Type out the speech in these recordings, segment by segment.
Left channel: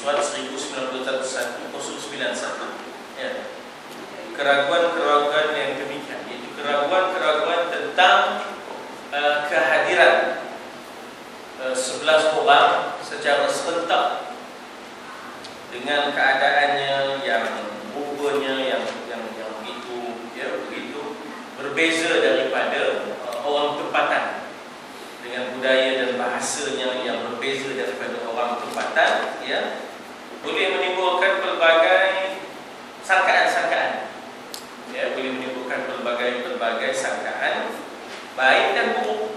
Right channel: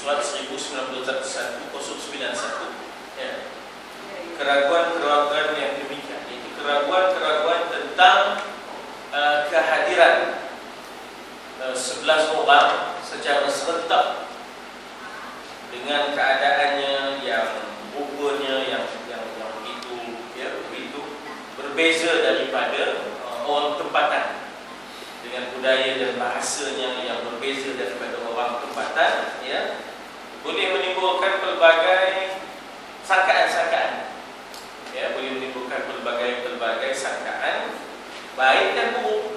Surat 1991 ya. Keraguan-keraguan yang demikian, itu keraguan-keraguan tentang kehadiran 11 orang secara serentak dengan keadaannya yang rupanya yang begitu ya, begitu berbeza daripada orang tempatan, dengan budaya dan bahasanya yang berbeza daripada orang tempatan ya, boleh menimbulkan pelbagai sangkaan-sangkaan ya, boleh menimbulkan pelbagai sangkaan baik dan buruk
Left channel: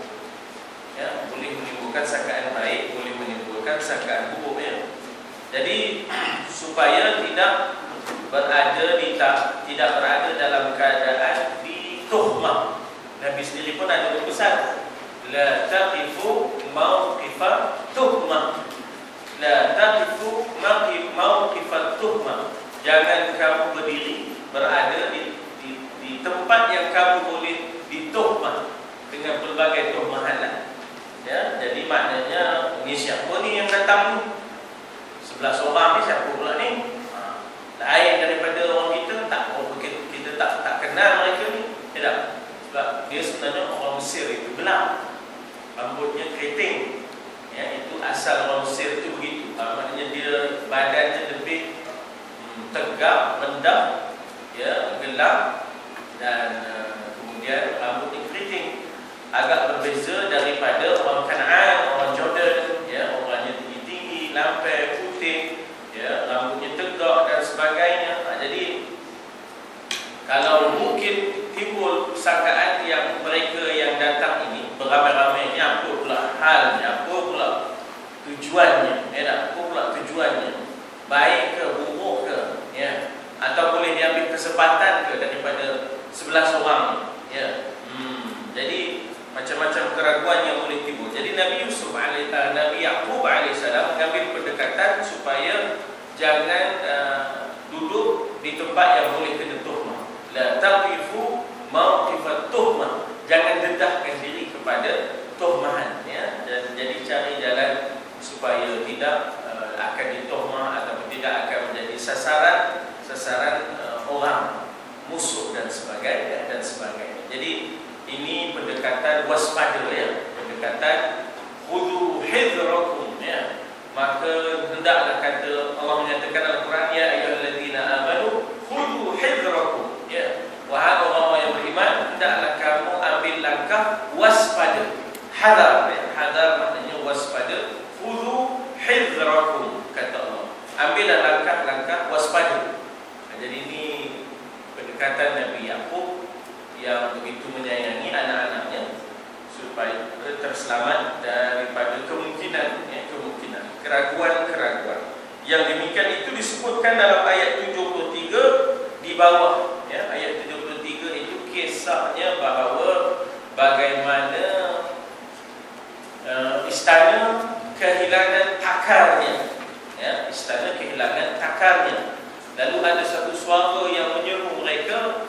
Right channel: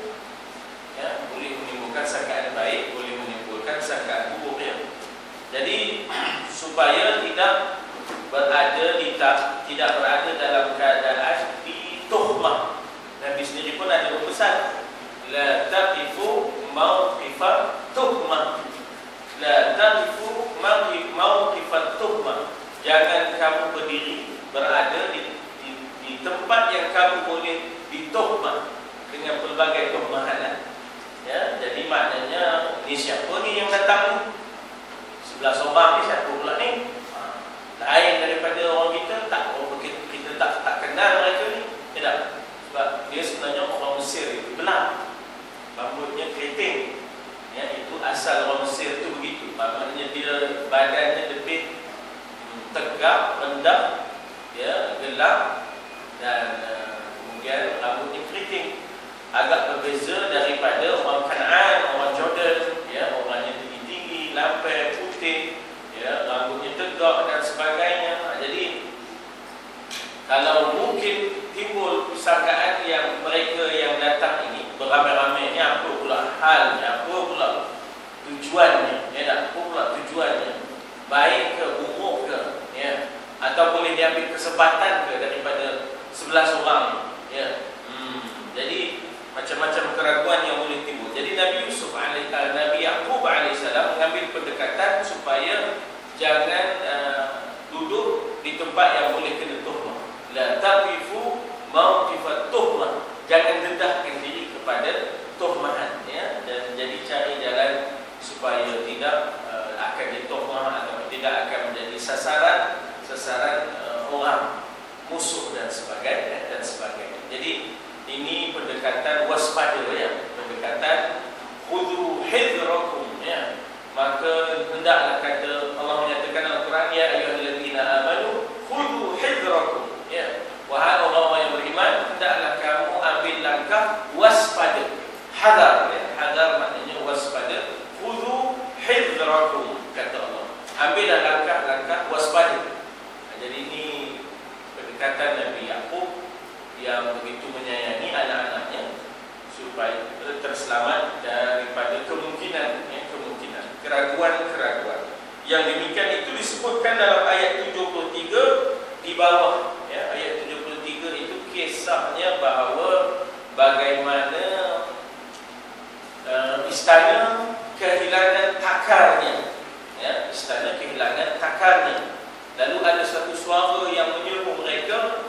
ya, boleh menimbulkan sangkaan baik, boleh menimbulkan sangkaan buruk ya. Jadi supaya tidak berada dalam keadaan dituhmah, Nabi sendiri pun ada berpesan, la taqifu mauqifat tuhmah, la taqifu mauqifat tuhmah, jangan kamu berdiri berada di tempat yang kamu boleh dituhmah dengan pelbagai tuhmahan ya. Jadi maknanya ini siapa ni yang datang 11 orang ni, siapa pula ni? Lain daripada orang kita, kita tak kenal mereka ni ya tak? Sebab dia sebenarnya orang Mesir itu gelap, rambutnya keriting ya, itu asal orang Mesir itu begitu. Maknanya dia badannya lebih tegak, rendah ya, gelap, dan kemudian rambutnya keriting, agak berbeza daripada orang Kanaan, orang Jordan ya, orangnya tinggi-tinggi, lampai, putih ya, rambutnya tegak dan sebagainya. Jadi kalau mungkin timbul sangkaan yang mereka yang datang ini beramai-ramai ni, apa pula halnya, apa pula tujuannya ya, apa pula tujuannya, baik ke buruk ke ya, atau boleh diambil kesempatan ke daripada 11 orang ya. Jadi macam-macam keraguan yang boleh timbul. Jadi Nabi Yaqub alaihissalam mengambil pendekatan supaya jangan duduk di tempat yang boleh kena tuhmah. La taqifu mauqifat tuhmah, jangan dedahkan diri kepada tuhmahan ya, dan jadi cari jalan supaya tidak akan dituhmah atau tidak akan menjadi sasaran orang musuh dan sebagainya. Jadi ini pendekatan waspada ya, pendekatan khudhu hidrakum ya. Maka hendaklah, kata Allah menyatakan Al-Quran, ya ayyuhalladzina amanu khudhu hidrakum ya, wahai orang yang beriman, hendaklah kamu ambil langkah waspada. Hadar ya, hadar maknanya waspada. Khudhu hidrakum, kata Allah, ambillah langkah-langkah waspada. Jadi ini pendekatan Nabi Yaqub yang begitu menyayangi anak-anaknya supaya terselamat daripada kemungkinan keraguan-keraguan. Yang demikian itu disebutkan dalam ayat 73 di bawah ya. Ayat 73 itu kisahnya bahawa bagaimana istana kehilangan akarnya ya, istana kehilangan akarnya. Lalu ada satu suara yang menyeru mereka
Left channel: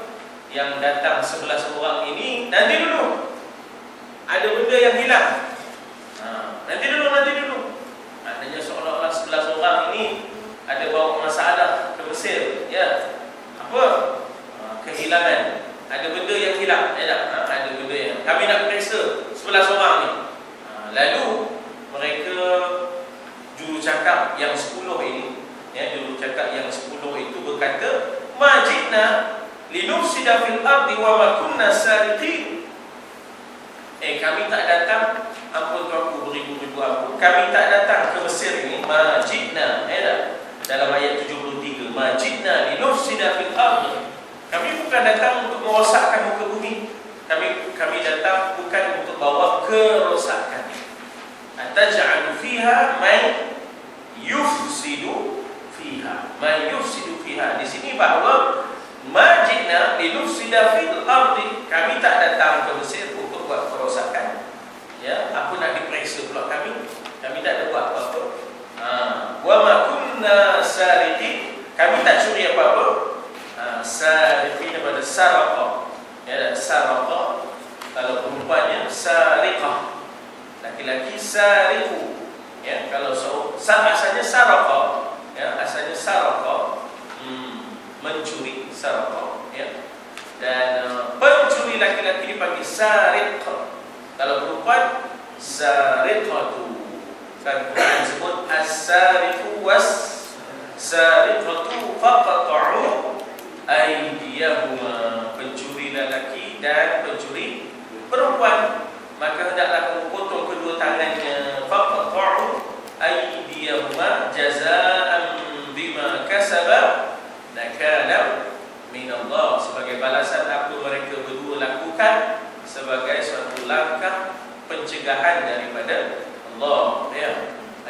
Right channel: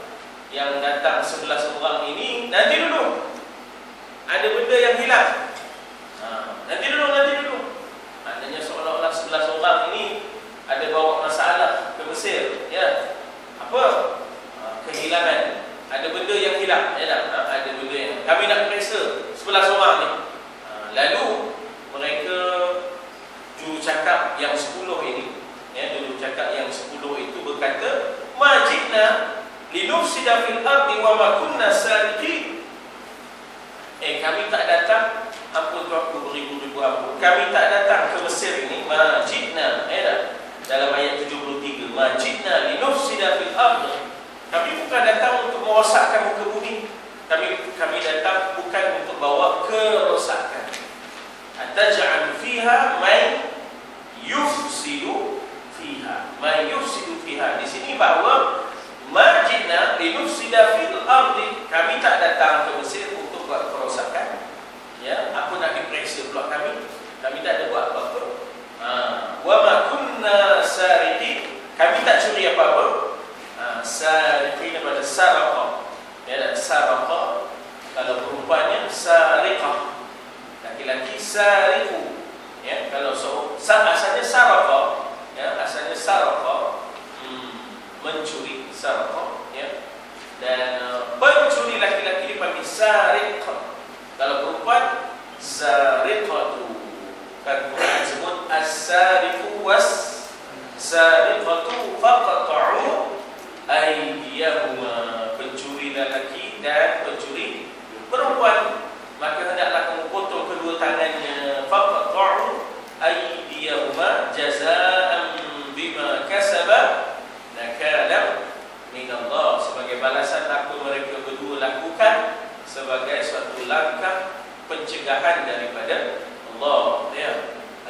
yang datang 11 orang ini, nanti dulu, ada benda yang hilang. Nanti dulu. Maknanya seolah-olah 11 orang ini ada bawa masalah ke Mesir ya. Apa? Kehilangan. Ada benda yang hilang ya tak? Ada benda yang kami nak periksa 11 orang ni. Lalu mereka juru cakap yang 10 ini ya, juru cakap yang 10 itu berkata, majidna linufsida fil ardi wa ma kunna sariqin. Kami tak datang, ampun tuanku, beribu-ribu ampun, kami tak datang ke Mesir ini, majidna ya, dalam ayat 73, majidna linufsida fil ardi. Kami bukan datang untuk merosakkan muka bumi, kami datang bukan untuk bawa kerosakan. Ataj'alu fiha man yufsidu fiha, man yufsidu fiha. Di sini bahawa majidna linufsida fil ardi, kami tak datang ke Mesir untuk buat kerosakan ya. Apa nak diperiksa pula kami tak ada buat apa-apa. Wa ma kunna sariqin, kami tak curi apa-apa. Sariqin daripada saraqa ya, saraqa kalau perempuannya sariqah, laki-laki sariqu ya. Kalau asalnya saraqa jazaa'an bima kasaba nakala min Allah, sebagai balasan apa mereka berdua lakukan, sebagai suatu langkah pencegahan daripada Allah, ya.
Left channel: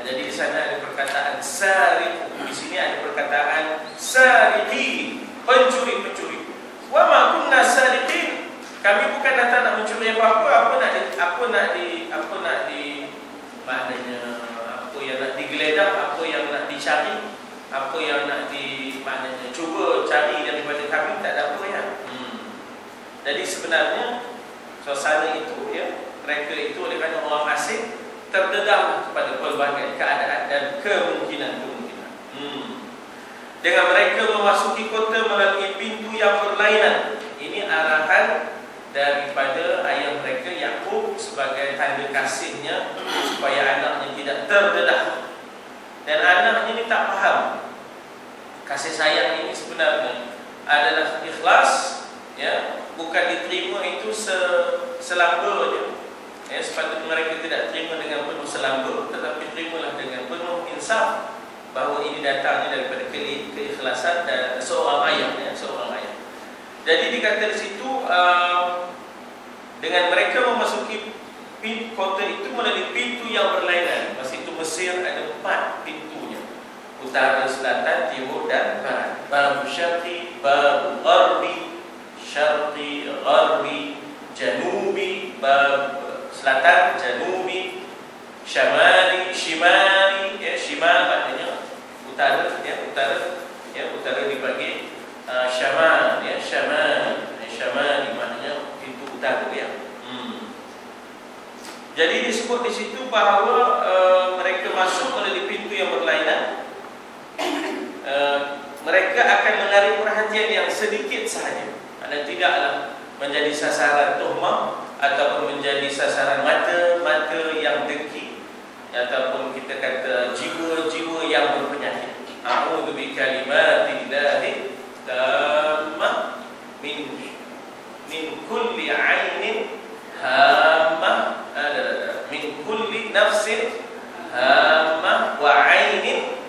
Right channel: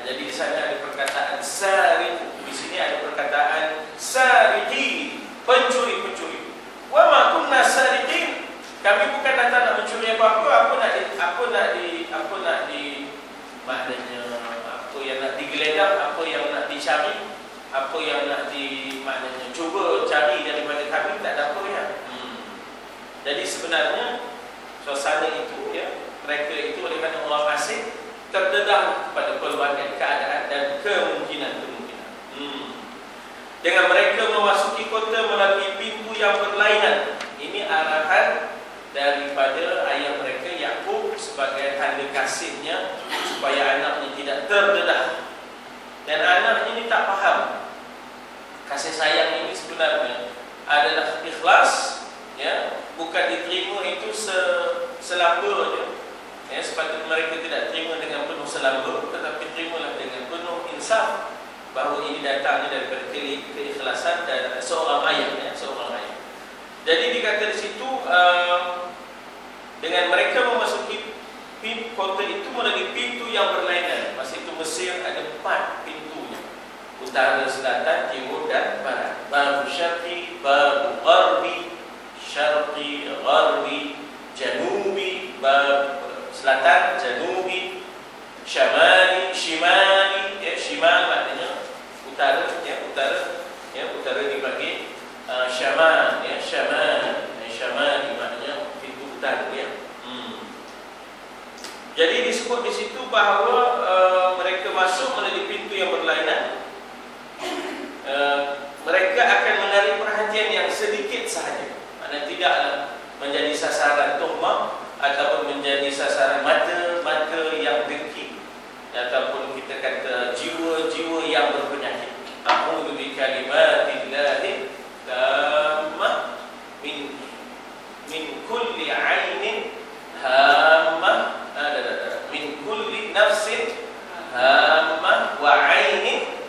Jadi di sana ada perkataan sariq, di sini ada perkataan sariqi, pencuri-pencuri. Wa ma kunna sariqin, kami bukan datang nak mencuri apa-apa. Apa nak di maknanya apa yang nak digeledah, apa yang nak dicari, apa yang nak maknanya cuba cari daripada kami, tak ada apa, ya. Jadi sebenarnya suasana itu, ya, mereka itu oleh kerana orang asing terdedah kepada pelbagai keadaan dan kemungkinan. Dengan mereka memasuki kota melalui pintu yang berlainan. Ini arahan daripada ayah mereka Yakub sebagai tanda kasihnya supaya anaknya tidak terdedah. Dan anaknya ini tak faham kasih sayang ini sebenarnya adalah ikhlas, ya, bukan diterima itu selamba je. Ya, sepatutnya mereka tidak terima dengan penuh selamba, tetapi terimalah dengan penuh insaf bahawa ini datangnya daripada keikhlasan dan seorang ayah, ya, seorang ayah. Jadi dikata di situ dengan mereka memasuki kota itu melalui pintu yang berlainan. Masa itu Mesir ada 4 pintunya: utara, selatan, timur dan barat. Bab syarqi, bab gharbi, syarqi, gharbi, janubi, bab selatan, janubi, syamali, shimali, ya, shimal maknanya utara, ya, utara, ya, utara dibagi syamal, ya, syamali maknanya pintu utara, ya. Jadi disebut di situ bahawa mereka masuk melalui pintu yang berlainan. Mereka akan menarik perhatian yang sedikit sahaja, kerana tidaklah menjadi sasaran tuhmah ataupun menjadi sasaran mata yang dengki, ataupun kita kata jiwa-jiwa yang berpenyakit. A'udzu bikalimatillahi tammah min kulli 'ainin hammah, min kulli nafsin hammah wa 'ainin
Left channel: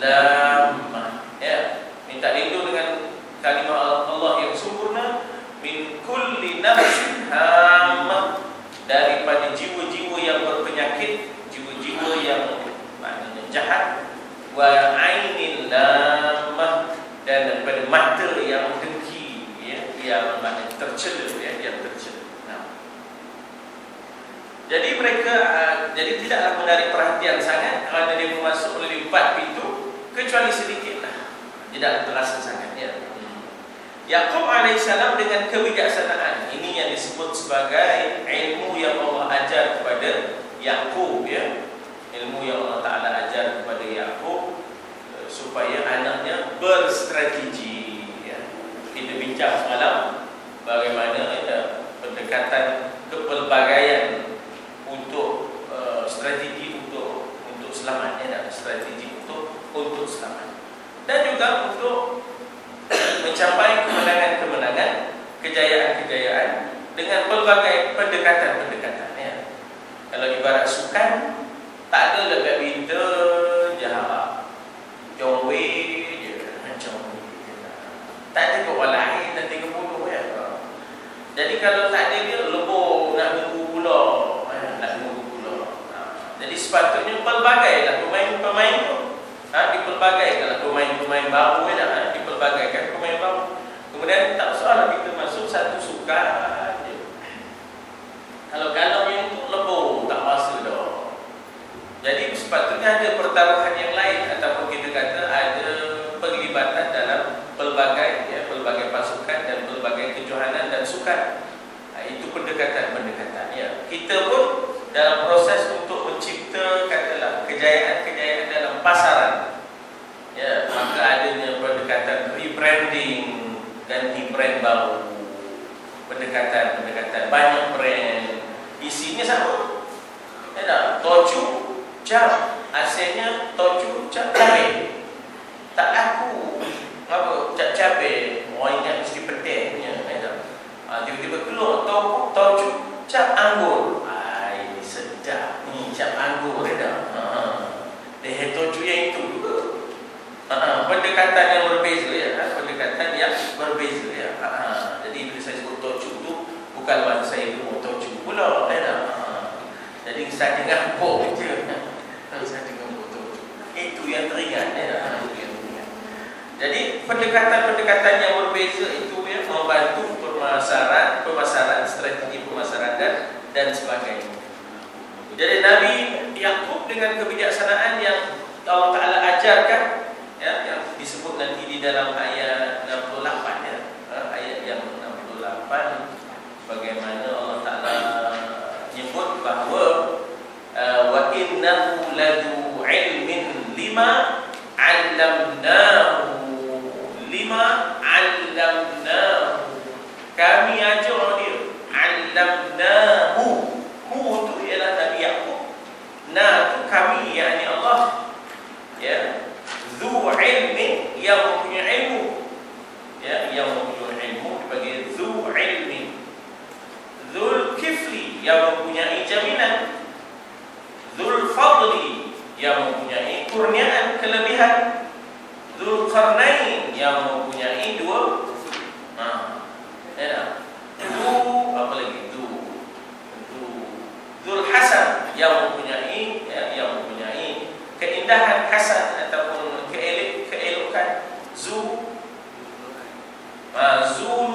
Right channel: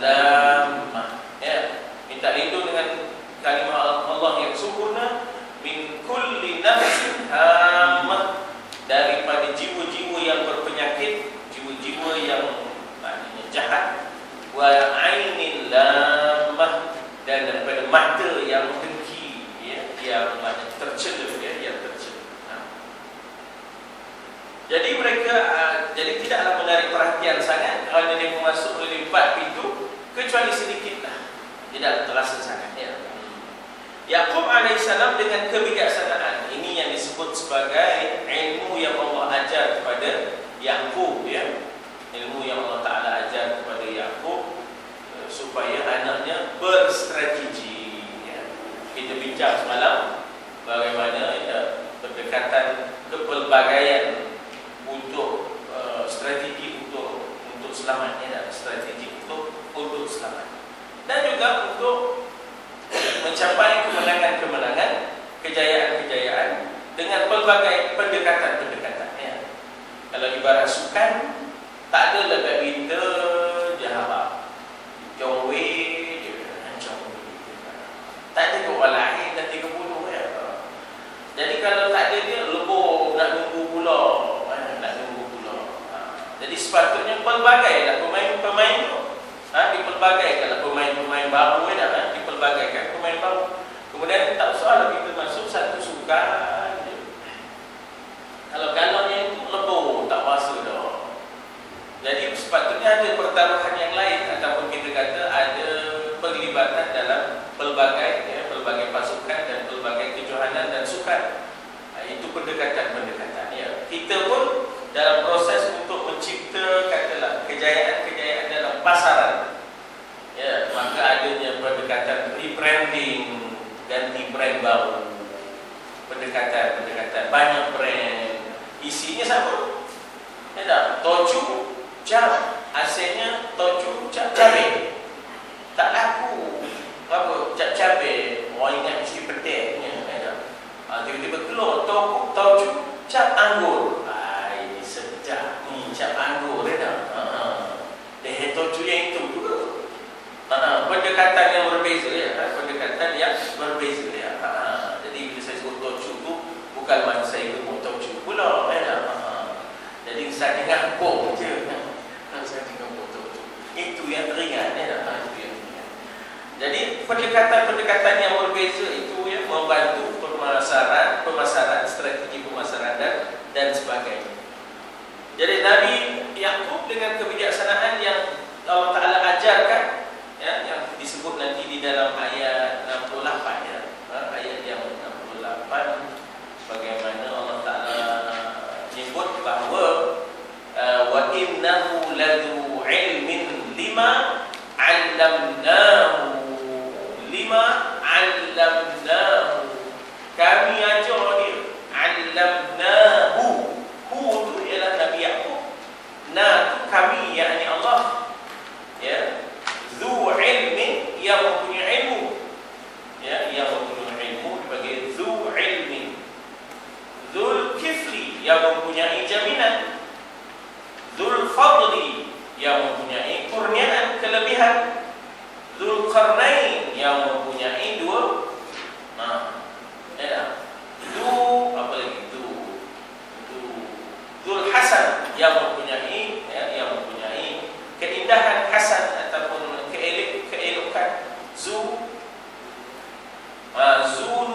lammah. Ya, minta lindung dengan kalimah Allah yang sempurna. Min kulli nafsin hammah, daripada jiwa-jiwa yang berpenyakit, jiwa-jiwa yang maknanya jahat, wa ainil lammah, dan daripada mata yang dengki, ya, yang maknanya tercela, ya, yang tercela. Jadi mereka jadi tidaklah menarik perhatian sangat kerana dia masuk melalui 4 pintu, kecuali sedikitlah, tidak terasa sangat, ya. Yakub alaihissalam dengan kebijaksanaan ini yang disebut sebagai ilmu yang Allah ajar kepada Yakub, ya. Ilmu yang Allah Ta'ala ajar kepada Yakub supaya anaknya berstrategi, ya. Kita bincang semalam bagaimana, ya, pendekatan kepelbagaian untuk strategi untuk selamat, ya, strategi untuk selamat, dan juga untuk mencapai kemenangan-kemenangan, kejayaan-kejayaan dengan pelbagai pendekatan-pendekatan, ya. Kalau ibarat sukan, tak ada lekat binta jahat John Wayne macam tak ada orang lain nanti kebunuh, ya. Jadi kalau tak ada dia lebur nak nunggu pula, jadi sepatutnya pelbagailah pemain-pemain tu, dipelbagaikan pemain-pemain baru, ya, dipelbagaikan pemain baru. Kemudian tak usahlah kita masuk satu sukan, ya. Kalau yang itu lebur tak masa dah. Jadi sepatutnya ada pertaruhan yang lain, ataupun kita kata ada perlibatan dalam pelbagai, ya, pelbagai pasukan dan pelbagai kejohanan dan sukan. Itu pendekatan-pendekatan, ya. Kita pun dalam proses untuk mencipta katalah kejayaan-kejayaan dalam pasaran, ya, maka adanya pendekatan rebranding, ganti brand baru, pendekatan banyak brand, isinya sama, ya, tak? Toju cap, asalnya toju cap cabai, tak laku, apa cap cabai, orang ingat mesti pedihnya, ya, tak? Tiba-tiba keluar toju cap anggur, sedap ni cap anggur, ya, tak? Dia toju yang itu pendekatan yang berbeza ya, pendekatan yang berbeza ya. Jadi bila saya sebut tocu itu bukan maksud saya itu mau tocu pula ya. Jadi saya ngampuk je. Kalau saya ngampuk tocu itu yang teringat ya. Jadi pendekatan-pendekatan yang berbeza itu ya membantu pemasaran strategi pemasaran dan sebagainya. Jadi Nabi Yakub dengan kebijaksanaan yang Allah Ta'ala ajarkan ya, yang disebut nanti di dalam ayat 68 ya, ayat yang 68 bagaimana Allah Ta'ala menyebut bahawa wa innahu ladu ilmin lima 'allamnahu kami ajar dia 'allamnahu hu itu ialah Nabi Yakub, na itu kami yakni Allah ya, zu ilmi yang mempunyai ilmu ya, yang mempunyai ilmu sebagai zu ilmi, zul kifli yang mempunyai jaminan, zul fadli yang mempunyai kurniaan kelebihan, zul qarnain yang mempunyai dua apa lagi zul hasan yang mempunyai yang mempunyai keindahan hasan ataupun keelokan, zul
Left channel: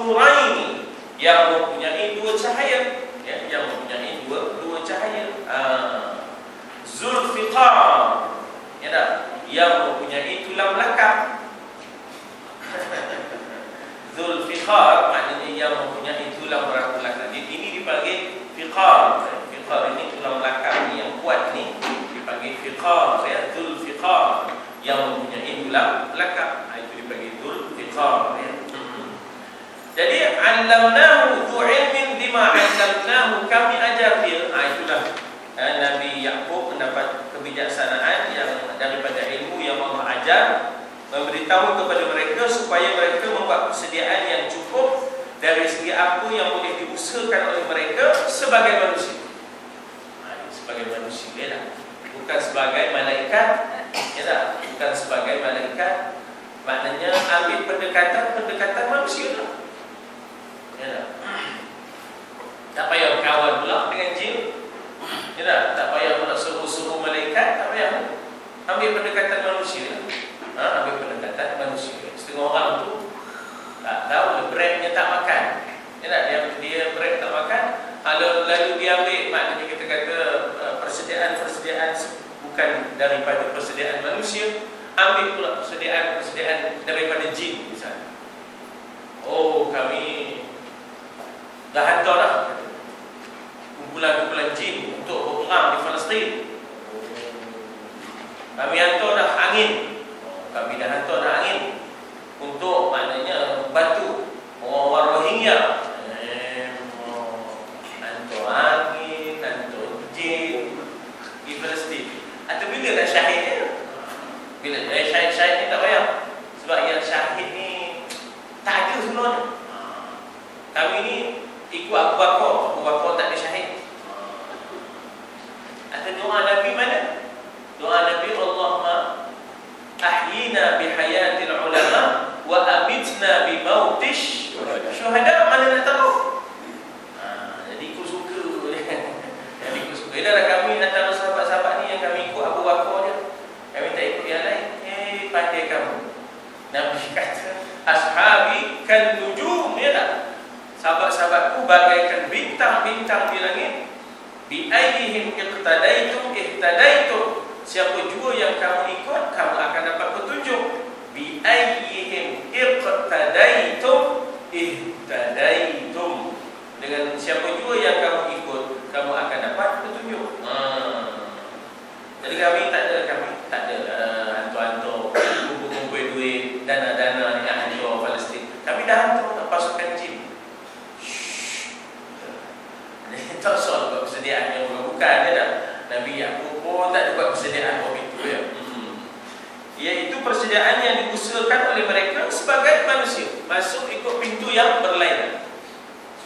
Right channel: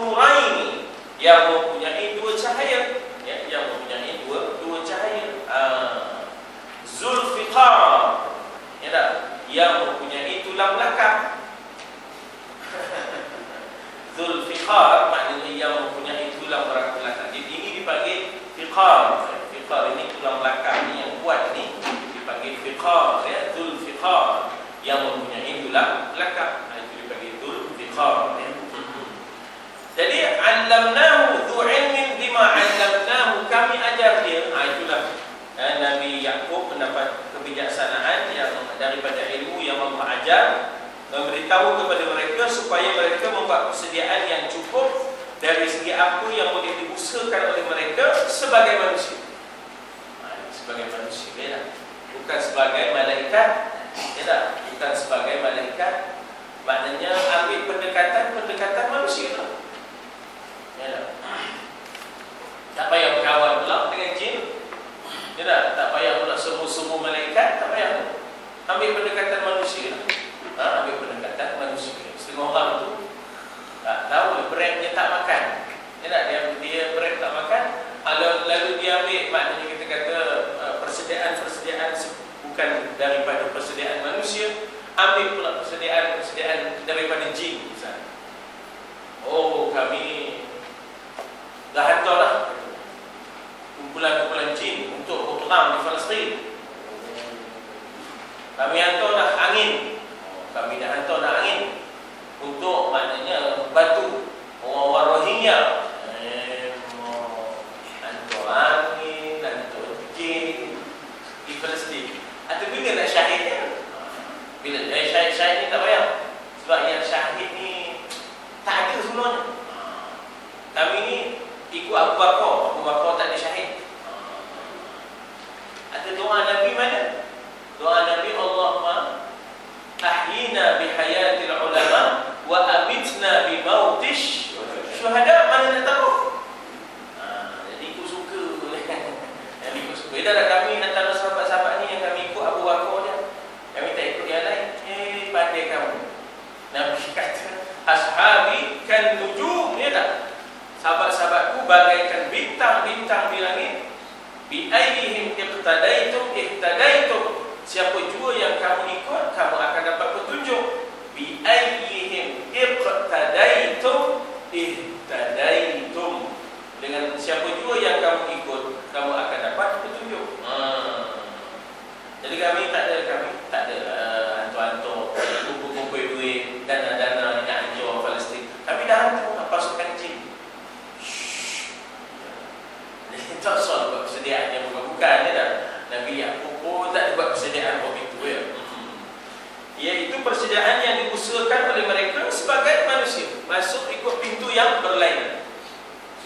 nuraini yang mempunyai dua cahaya ya, yang mempunyai dua cahaya, zul fiqar ya tak, yang mempunyai tulang belakang. Zul fiqar maknanya yang mempunyai tulang belakang. Ini dipanggil fiqar. Fiqar ini tulang belakang ni yang kuat ni dipanggil fiqar ya, zul fiqar yang mempunyai tulang belakang. Itu dipanggil zul fiqar ya. Jadi 'allamnahu dzu ilmin bima 'allamnahu, kami ajar dia. Itulah Nabi Yakub mendapat kebijaksanaan yang daripada ilmu yang Allah ajar, memberitahu kepada mereka supaya mereka membuat persediaan yang cukup dari segi apa yang boleh diusahakan oleh mereka sebagai manusia. Sebagai manusia ya, bukan sebagai malaikat ya, bukan sebagai malaikat. Maknanya ambil pendekatan manusia ya. Tak payah berkawan pula dengan jin ya, tak payah pula semua malaikat, tak payah. Ambil pendekatan manusia. Ambil pendekatan manusia. Setengah orang tu tak tahu breadnya tak makan ya, dia bread tak makan, lalu dia ambil, maknanya kita kata persediaan bukan daripada persediaan manusia, ambil pula persediaan daripada jin misalnya. Oh, kami dah hantar dah kumpulan jin untuk berperang di Palestin. Kami hantar dah angin. Kami dah hantar dah angin untuk maknanya bantu orang Rohingya. Hantar angin, hantar jin di Palestin. Atau bila nak syahid dia? Bila syahid ni tak payah. Sebab yang syahid ni tak ada sebenarnya. Kami ni ikut Abu Bakar tak ada syahid. Atau doa Nabi mana? Doa Nabi, Allahumma ahyina bihayatil ulama wa amitna bi mautish syuhada. Mana nak tahu? Jadi aku suka. Jadi aku suka. Dah kami nak tahu sahabat-sahabat ni yang kami ikut Abu Bakar je. Kami tak ikut yang lain. Pandai kamu. Nabi kata, ashabi kan nujum ya tak? Sahabat-sahabatku bagaikan bintang-bintang di langit. Bi ayyihim iqtadaitum ihtadaitum. Siapa jua yang kamu ikut, kamu akan dapat petunjuk. Bi ayyihim iqtadaitum ihtadaitum. Dengan siapa jua yang kamu ikut, kamu akan dapat petunjuk. Jadi kami tak ada hantu-hantu kumpul-kumpul duit, dana-dana nak haji orang Palestin. Kami dah hantu pasukan jin. Ini tak soal buat persediaan yang bukan ya dah. Nabi Yakub pun tak buat persediaan waktu itu ya. Iaitu persediaan yang diusahakan oleh mereka sebagai manusia, masuk ikut pintu yang berlainan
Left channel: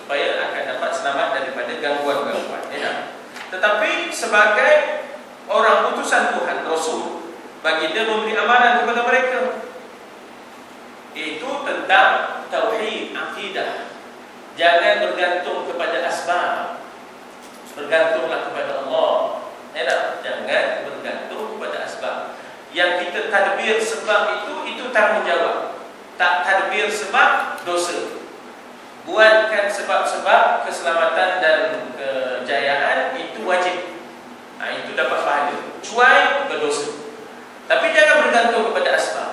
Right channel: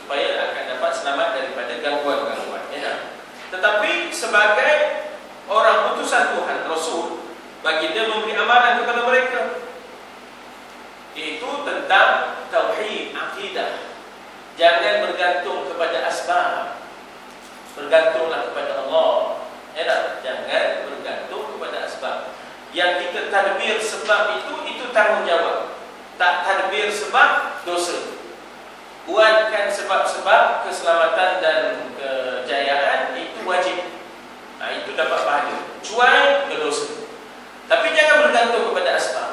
supaya akan dapat selamat daripada gangguan-gangguan ya. Tetapi sebagai orang utusan Tuhan, Rasul, baginda memberi amanan kepada mereka tentang tauhid akidah. Jangan bergantung kepada asbab. Bergantunglah kepada Allah. Jangan bergantung kepada asbab. Yang kita tadbir sebab itu tanggungjawab. Tak tadbir sebab dosa. Buatkan sebab-sebab keselamatan dan kejayaan itu wajib. Itu dapat pahala. Cuai berdosa. Tapi jangan bergantung kepada asbab.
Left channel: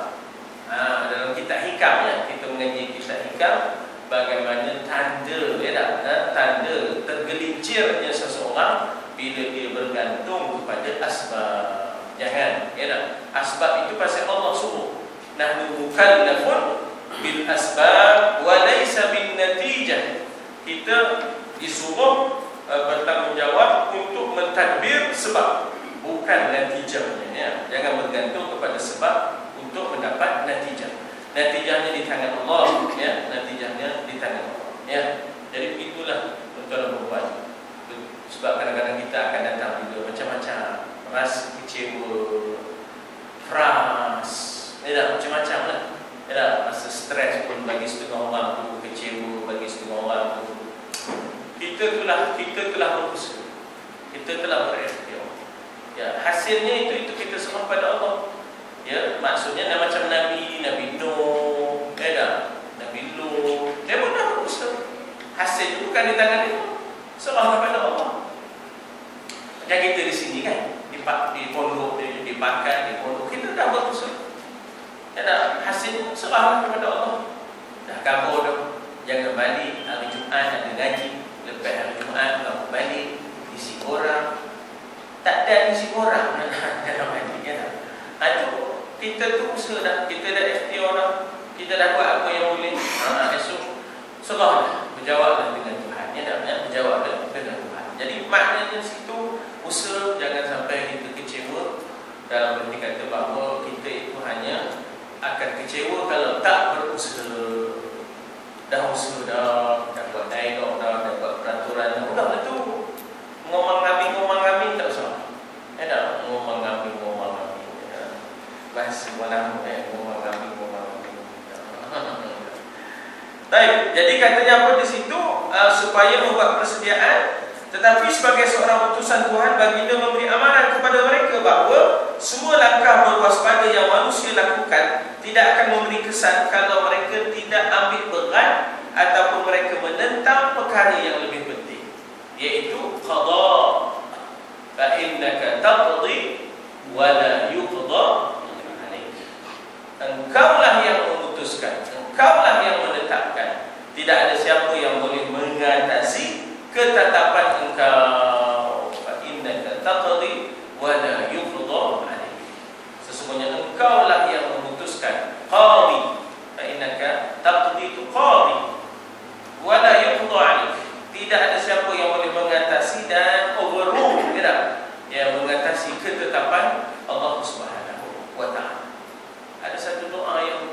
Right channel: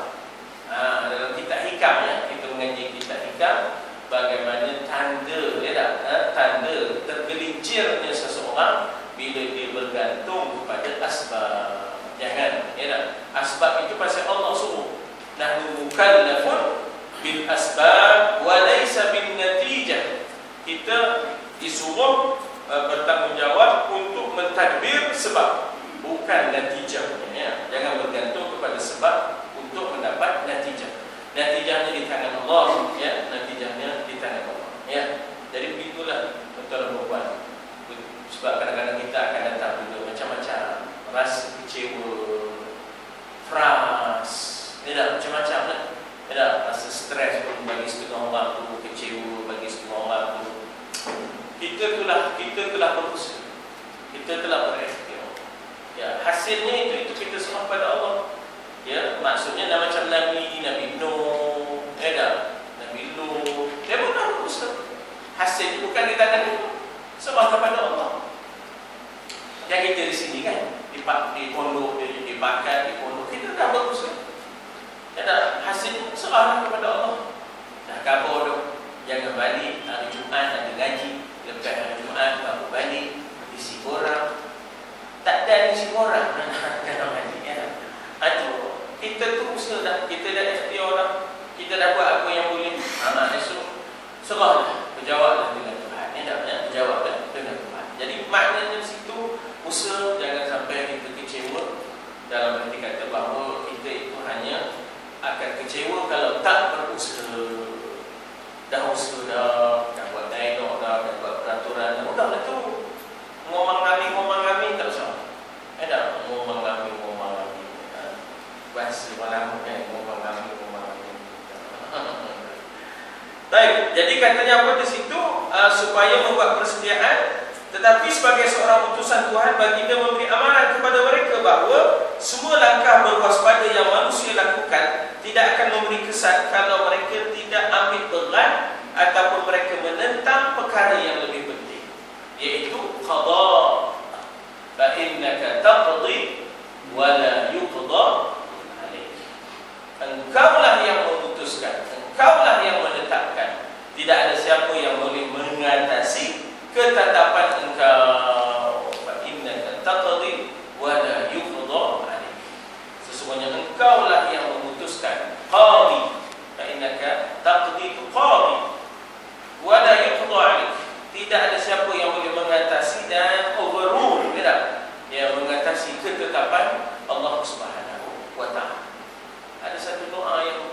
Dalam kitab hikam kita mengaji kitab hikam, bagaimana tanda tanda tergelincirnya seseorang bila dia bergantung kepada asbab. Jangan, asbab itu pasal Allah suruh. Nahnu mukallafun bil asbab wa laysa bin natijah. Kita disuruh bertanggungjawab untuk mentadbir sebab, bukan natijahnya. Jangan bergantung kepada sebab untuk mendapat natijah. Natijahnya di tangan Allah, natijahnya di tangan Allah, Jadi begitulah tuan-tuan dan puan. Sebab kadang-kadang kita akan datang juga macam-macam, rasa kecewa, frust, macam-macam lah. Rasa stres pun bagi setengah orang tu, kecewa bagi setengah orang tu. Kita telah berusaha, kita telah berikhtiar. Hasilnya itu kita serah pada Allah. Maksudnya dah macam Nabi Nuh, Nabi Lut, dia pun dah berusaha. Hasil bukan di tangan dia, serah kepada Allah. Yang kita di sini kan, di pondok, di pakan, di pondok, kita dah berusaha. Hasil serah kepada Allah. Dah kabur tu, jangan balik hari Jumaat nak ngaji. Lepas hari Jumaat nak balik, isi orang. Tak ada isi orang dalam ngaji. Itu kita tu usaha dah, kita dah ikhtiar dah, kita dah buat apa yang boleh. Esok serahlah, berjawablah dengan Tuhan. Berjawablah dengan Tuhan. Jadi maknanya situ usaha, jangan sampai kita kecewa. Dalam arti kata bahawa kita itu hanya akan kecewa kalau tak berusaha. Dah usaha dah buat dialog dah buat peraturan dah tu. Ngomong kami tak usah. Ngomong kami. Bahasa malam ngomong kami. Baik, jadi katanya apa di situ? Supaya membuat persediaan. Tetapi sebagai seorang utusan Tuhan, baginda memberi amaran kepada mereka bahawa semua langkah berwaspada yang manusia lakukan tidak akan memberi kesan kalau mereka tidak ambil berat ataupun mereka menentang perkara yang lebih penting, iaitu qada. Fa innaka taqdi wa la yuqda alaik. Engkaulah yang memutuskan, engkaulah yang menetapkan. Tidak ada siapa yang boleh mengatasi ketetapan engkau. Fa innaka taqdi wa la yuqda alaik. Sesungguhnya engkaulah yang memutuskan. Qadi. Fa innaka taqdi qadi wa la yuqda alaik. Tidak ada siapa yang boleh mengatasi dan overrule, yang mengatasi ketetapan Allah Subhanahu wa taala. Ada satu doa yang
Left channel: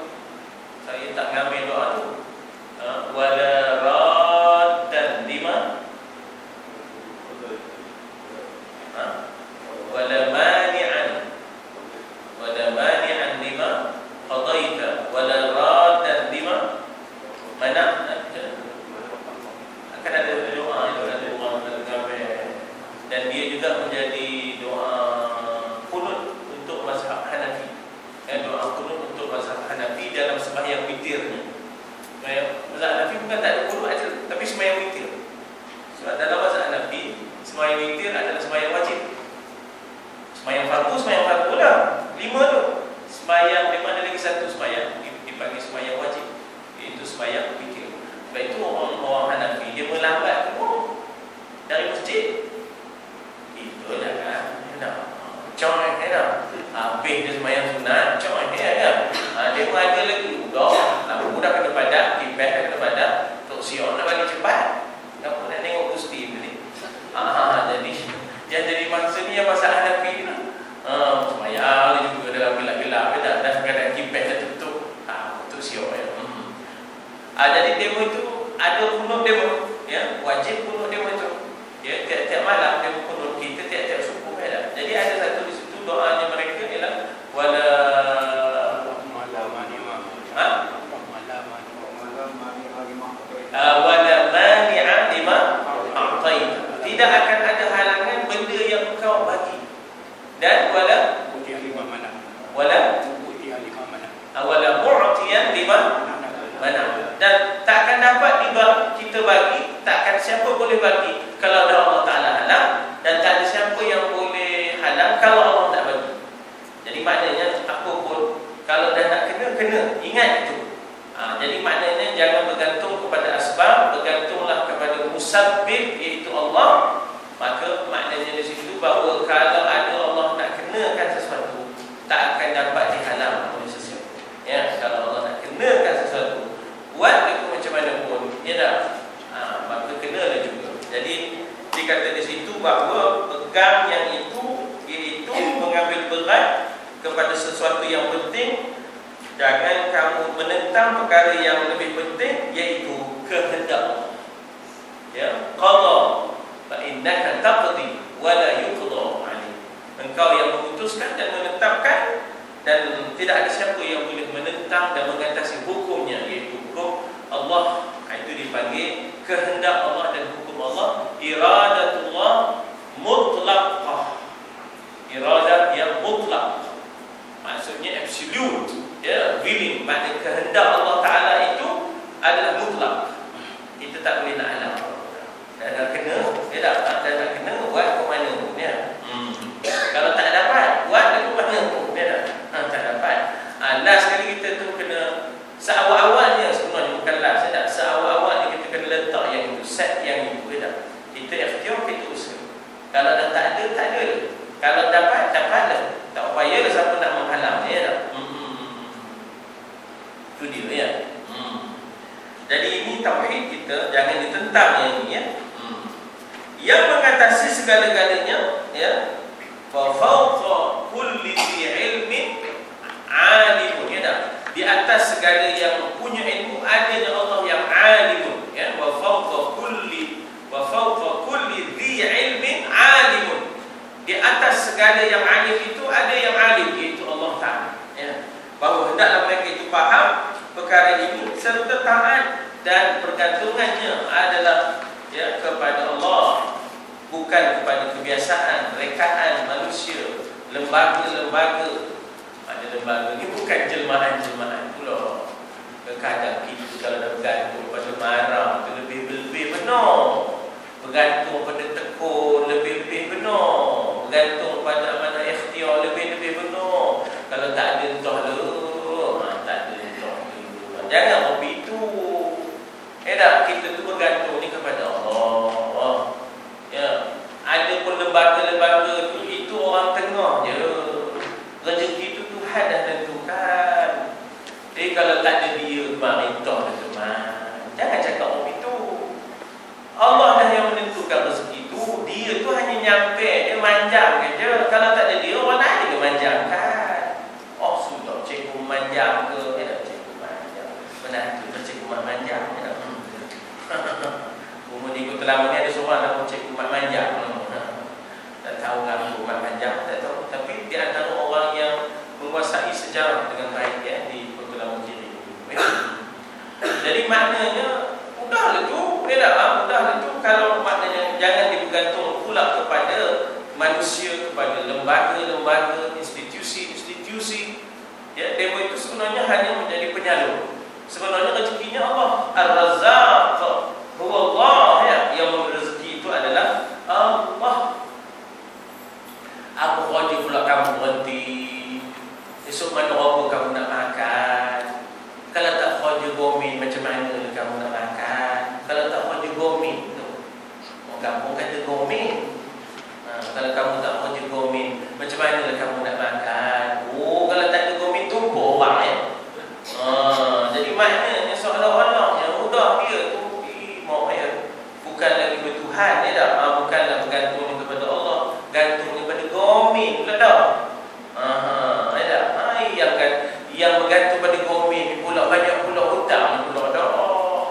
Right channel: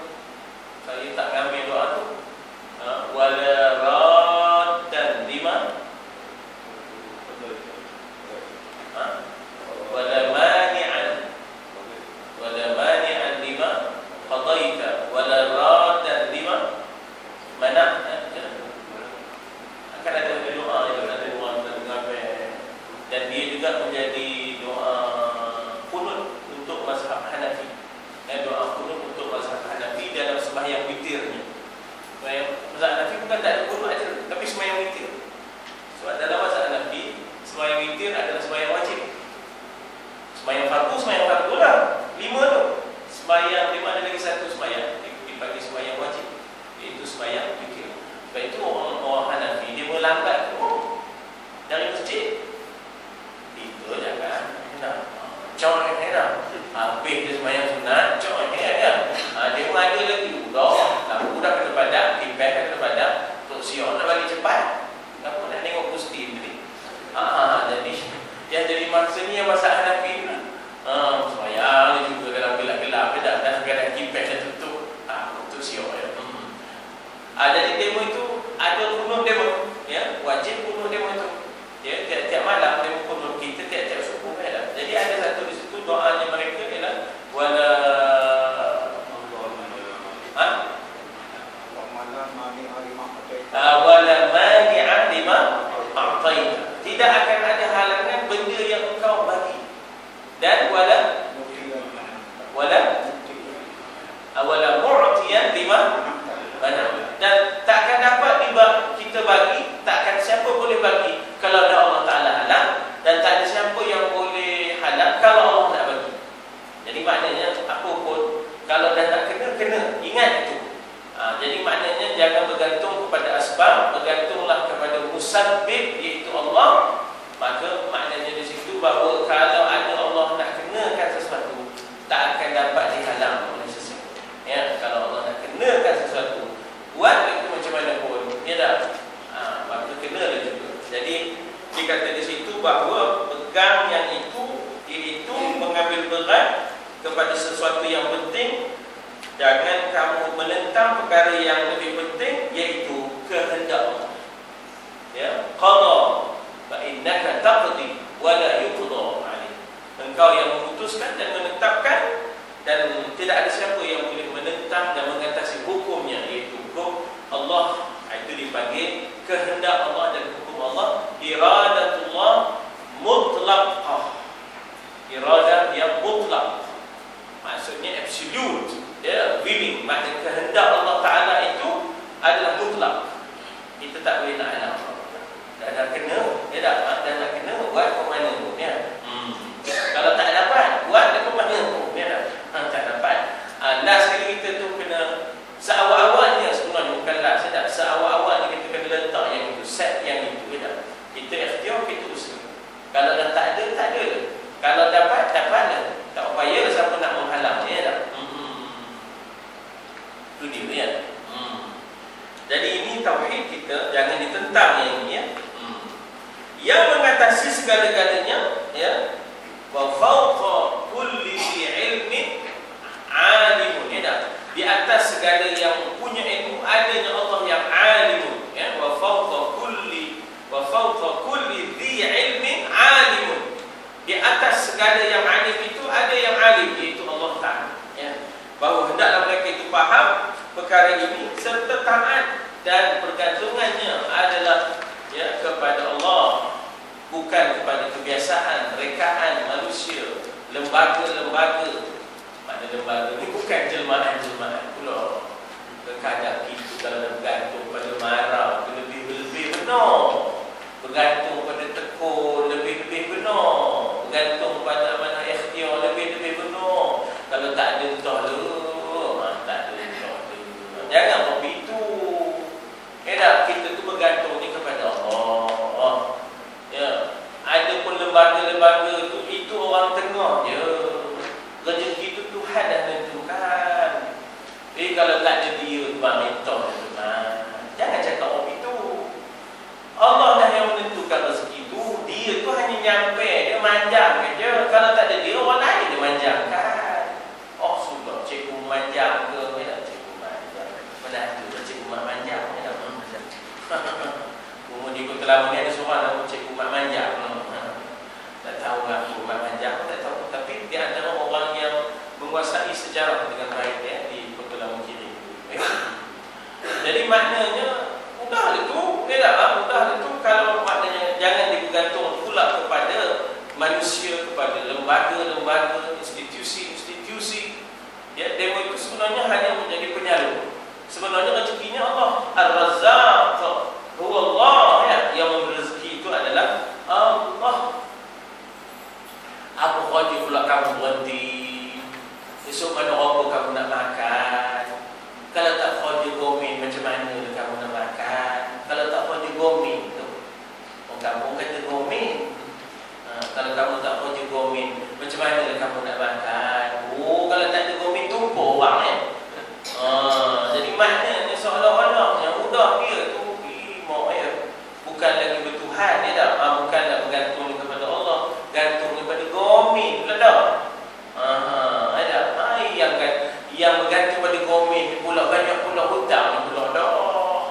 jangan kamu menentang perkara yang lebih penting, iaitu kehendak Allah. Ya, qada fa innaka taqdi wa la yuqda alaik. Engkau yang memutuskan dan menetapkan, dan tidak ada siapa yang boleh menentang dan mengatasi hukumnya, iaitu hukum Allah. Itu dipanggil kehendak Allah dan hukum Allah. Iradatullah mutlaqah. Iradah yang mutlak, maksudnya absolute, ya, willing. Maknanya kehendak Allah Ta'ala itu adalah mutlak. Kita tak boleh nak halang. Dah kena, dah kena buat ke mana pun, ya. Kalau tak dapat buat ke mana pun, ya. Tak dapat. Last kali kita tu kena seawal-awalnya, sebenarnya bukan last, ya. Seawal-awalnya kita kena letak yang itu, set yang itu, ya. Kita ikhtiar, kita usaha. Kalau dah tak ada, tak ada. Kalau dapat, dapat. Tak payah siapa nak menghalang, ya tak? Itu dia, ya. Jadi ini tauhid kita, jangan ditentang yang ini, ya. Yang mengatasi segala-galanya, ya. Wa fawqa kulli ilmin alimun, ya tak? Di atas segala yang punya ilmu, adanya Allah yang alimun, ya. Wa fawqa kulli dhi ilmin alimun. Di atas segala yang alim itu ada yang alim, iaitu Allah Ta'ala, ya. Bahawa hendaklah mereka itu faham perkara ini serta taat, dan pergantungannya adalah, ya, kepada Allah, bukan kepada kebiasaan, rekaan manusia, lembaga-lembaga. Ada lembaga ini bukan jelmaan-jelmaan pula. Kadang itu kalau bergantung pada marah itu lebih-lebih benar, bergantung pada tekun lebih-lebih benar, bergantung pada mana ikhtiar lebih-lebih benar. Kalau tak ada entah tak ada entah. Jangan begitu. Kita tu bergantung ni kepada Allah. Ya. Ada pun lembaga-lembaga itu orang tengah je. Rezeki itu Tuhan dah tentukan. Jadi kalau tak ada dia, pemerintah tentukan. Jangan cakap begitu. Allah dah yang menentukan rezeki itu. Dia tu hanya nyampe, dia manjang je. Kalau tak ada dia, orang lain dia manjangkan. Oh sudah, cikgu manjang ke? Tidak, cikgu manjang. Mana tu cikgu manjang? Umur di Kota Lama ni ada seorang nama cikgu Mak Manjang. Tak tahu ngaku Mak Manjang, tak tahu. Tapi di antara orang yang menguasai sejarah dengan baik, ya, di Kota Lama Kiri. Jadi maknanya mudahlah tu, mudahlah tu. Kalau maknanya jangan digantung pula kepada manusia, kepada lembaga-lembaga, institusi-institusi. Ya, demo itu sebenarnya hanya menjadi penyalur. Sebenarnya rezekinya Allah. Ar-Razzaq huwa Allah, ya. Yang memberi rezeki itu adalah Allah. Apa khawatir pula kamu berhenti? Esok mana apa kamu nak makan? Kalau tak khawatir gomin, macam mana kamu nak makan? Kalau tak khawatir gomin, orang kampung kata gomin. Kalau kamu tak khawatir gomin, macam mana kamu nak makan? Oh, kalau tak ada gomin, tumpuk orang, ya. Jadi maknanya seolah-olah yang mudah dia tu bukan lagi bertuhan, ya tak? Bukanlah bergantung kepada Allah, gantung kepada gomin pula dah. Yang bergantung pada gomin pula banyak pula hutang pula dah,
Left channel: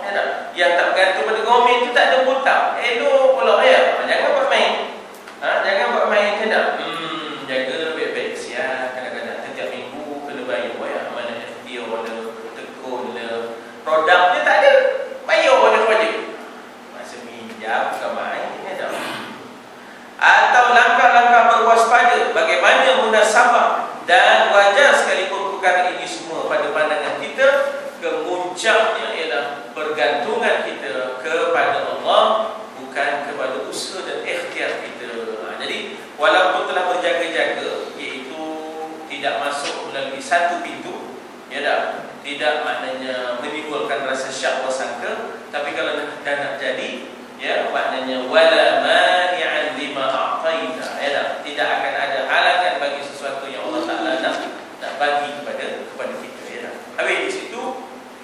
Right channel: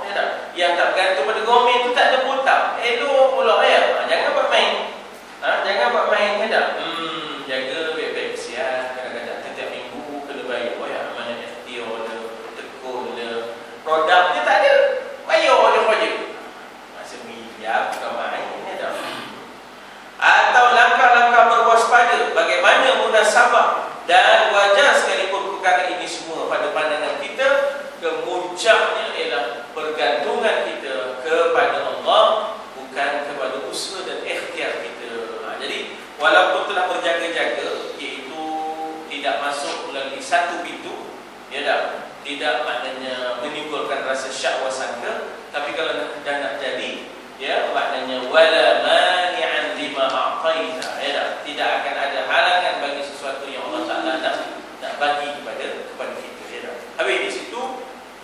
ya tak? Yang tak bergantung pada gomin tu tak ada hutang, elok pula, ya. Jangan buat main, jangan buat main, ya tak? Jaga baik-baik, siap. Kadang-kadang setiap minggu kena bayar, ya. Mana dia ada tekun dia, produknya tak ada, bayar oleh projek. Masa minjam bukan main, ya tak? Atau langkah-langkah berwaspada, bagaimana munasabah dan wajar sekalipun perkara ini semua pada pandangan kita, kemuncaknya ialah pergantungan kita kepada Allah, bukan kepada usaha dan ikhtiar kita. Jadi walaupun telah berjaga-jaga, iaitu tidak masuk melalui satu pintu, ya tak? Tidak maknanya menimbulkan rasa syak wasangka, tapi kalau dah nak jadi, ya, maknanya wala mani'an lima a'taita, ya tak? Tidak akan ada halangan bagi sesuatu yang Allah Ta'ala nak bagi kepada kita, ya tak? Habis di situ,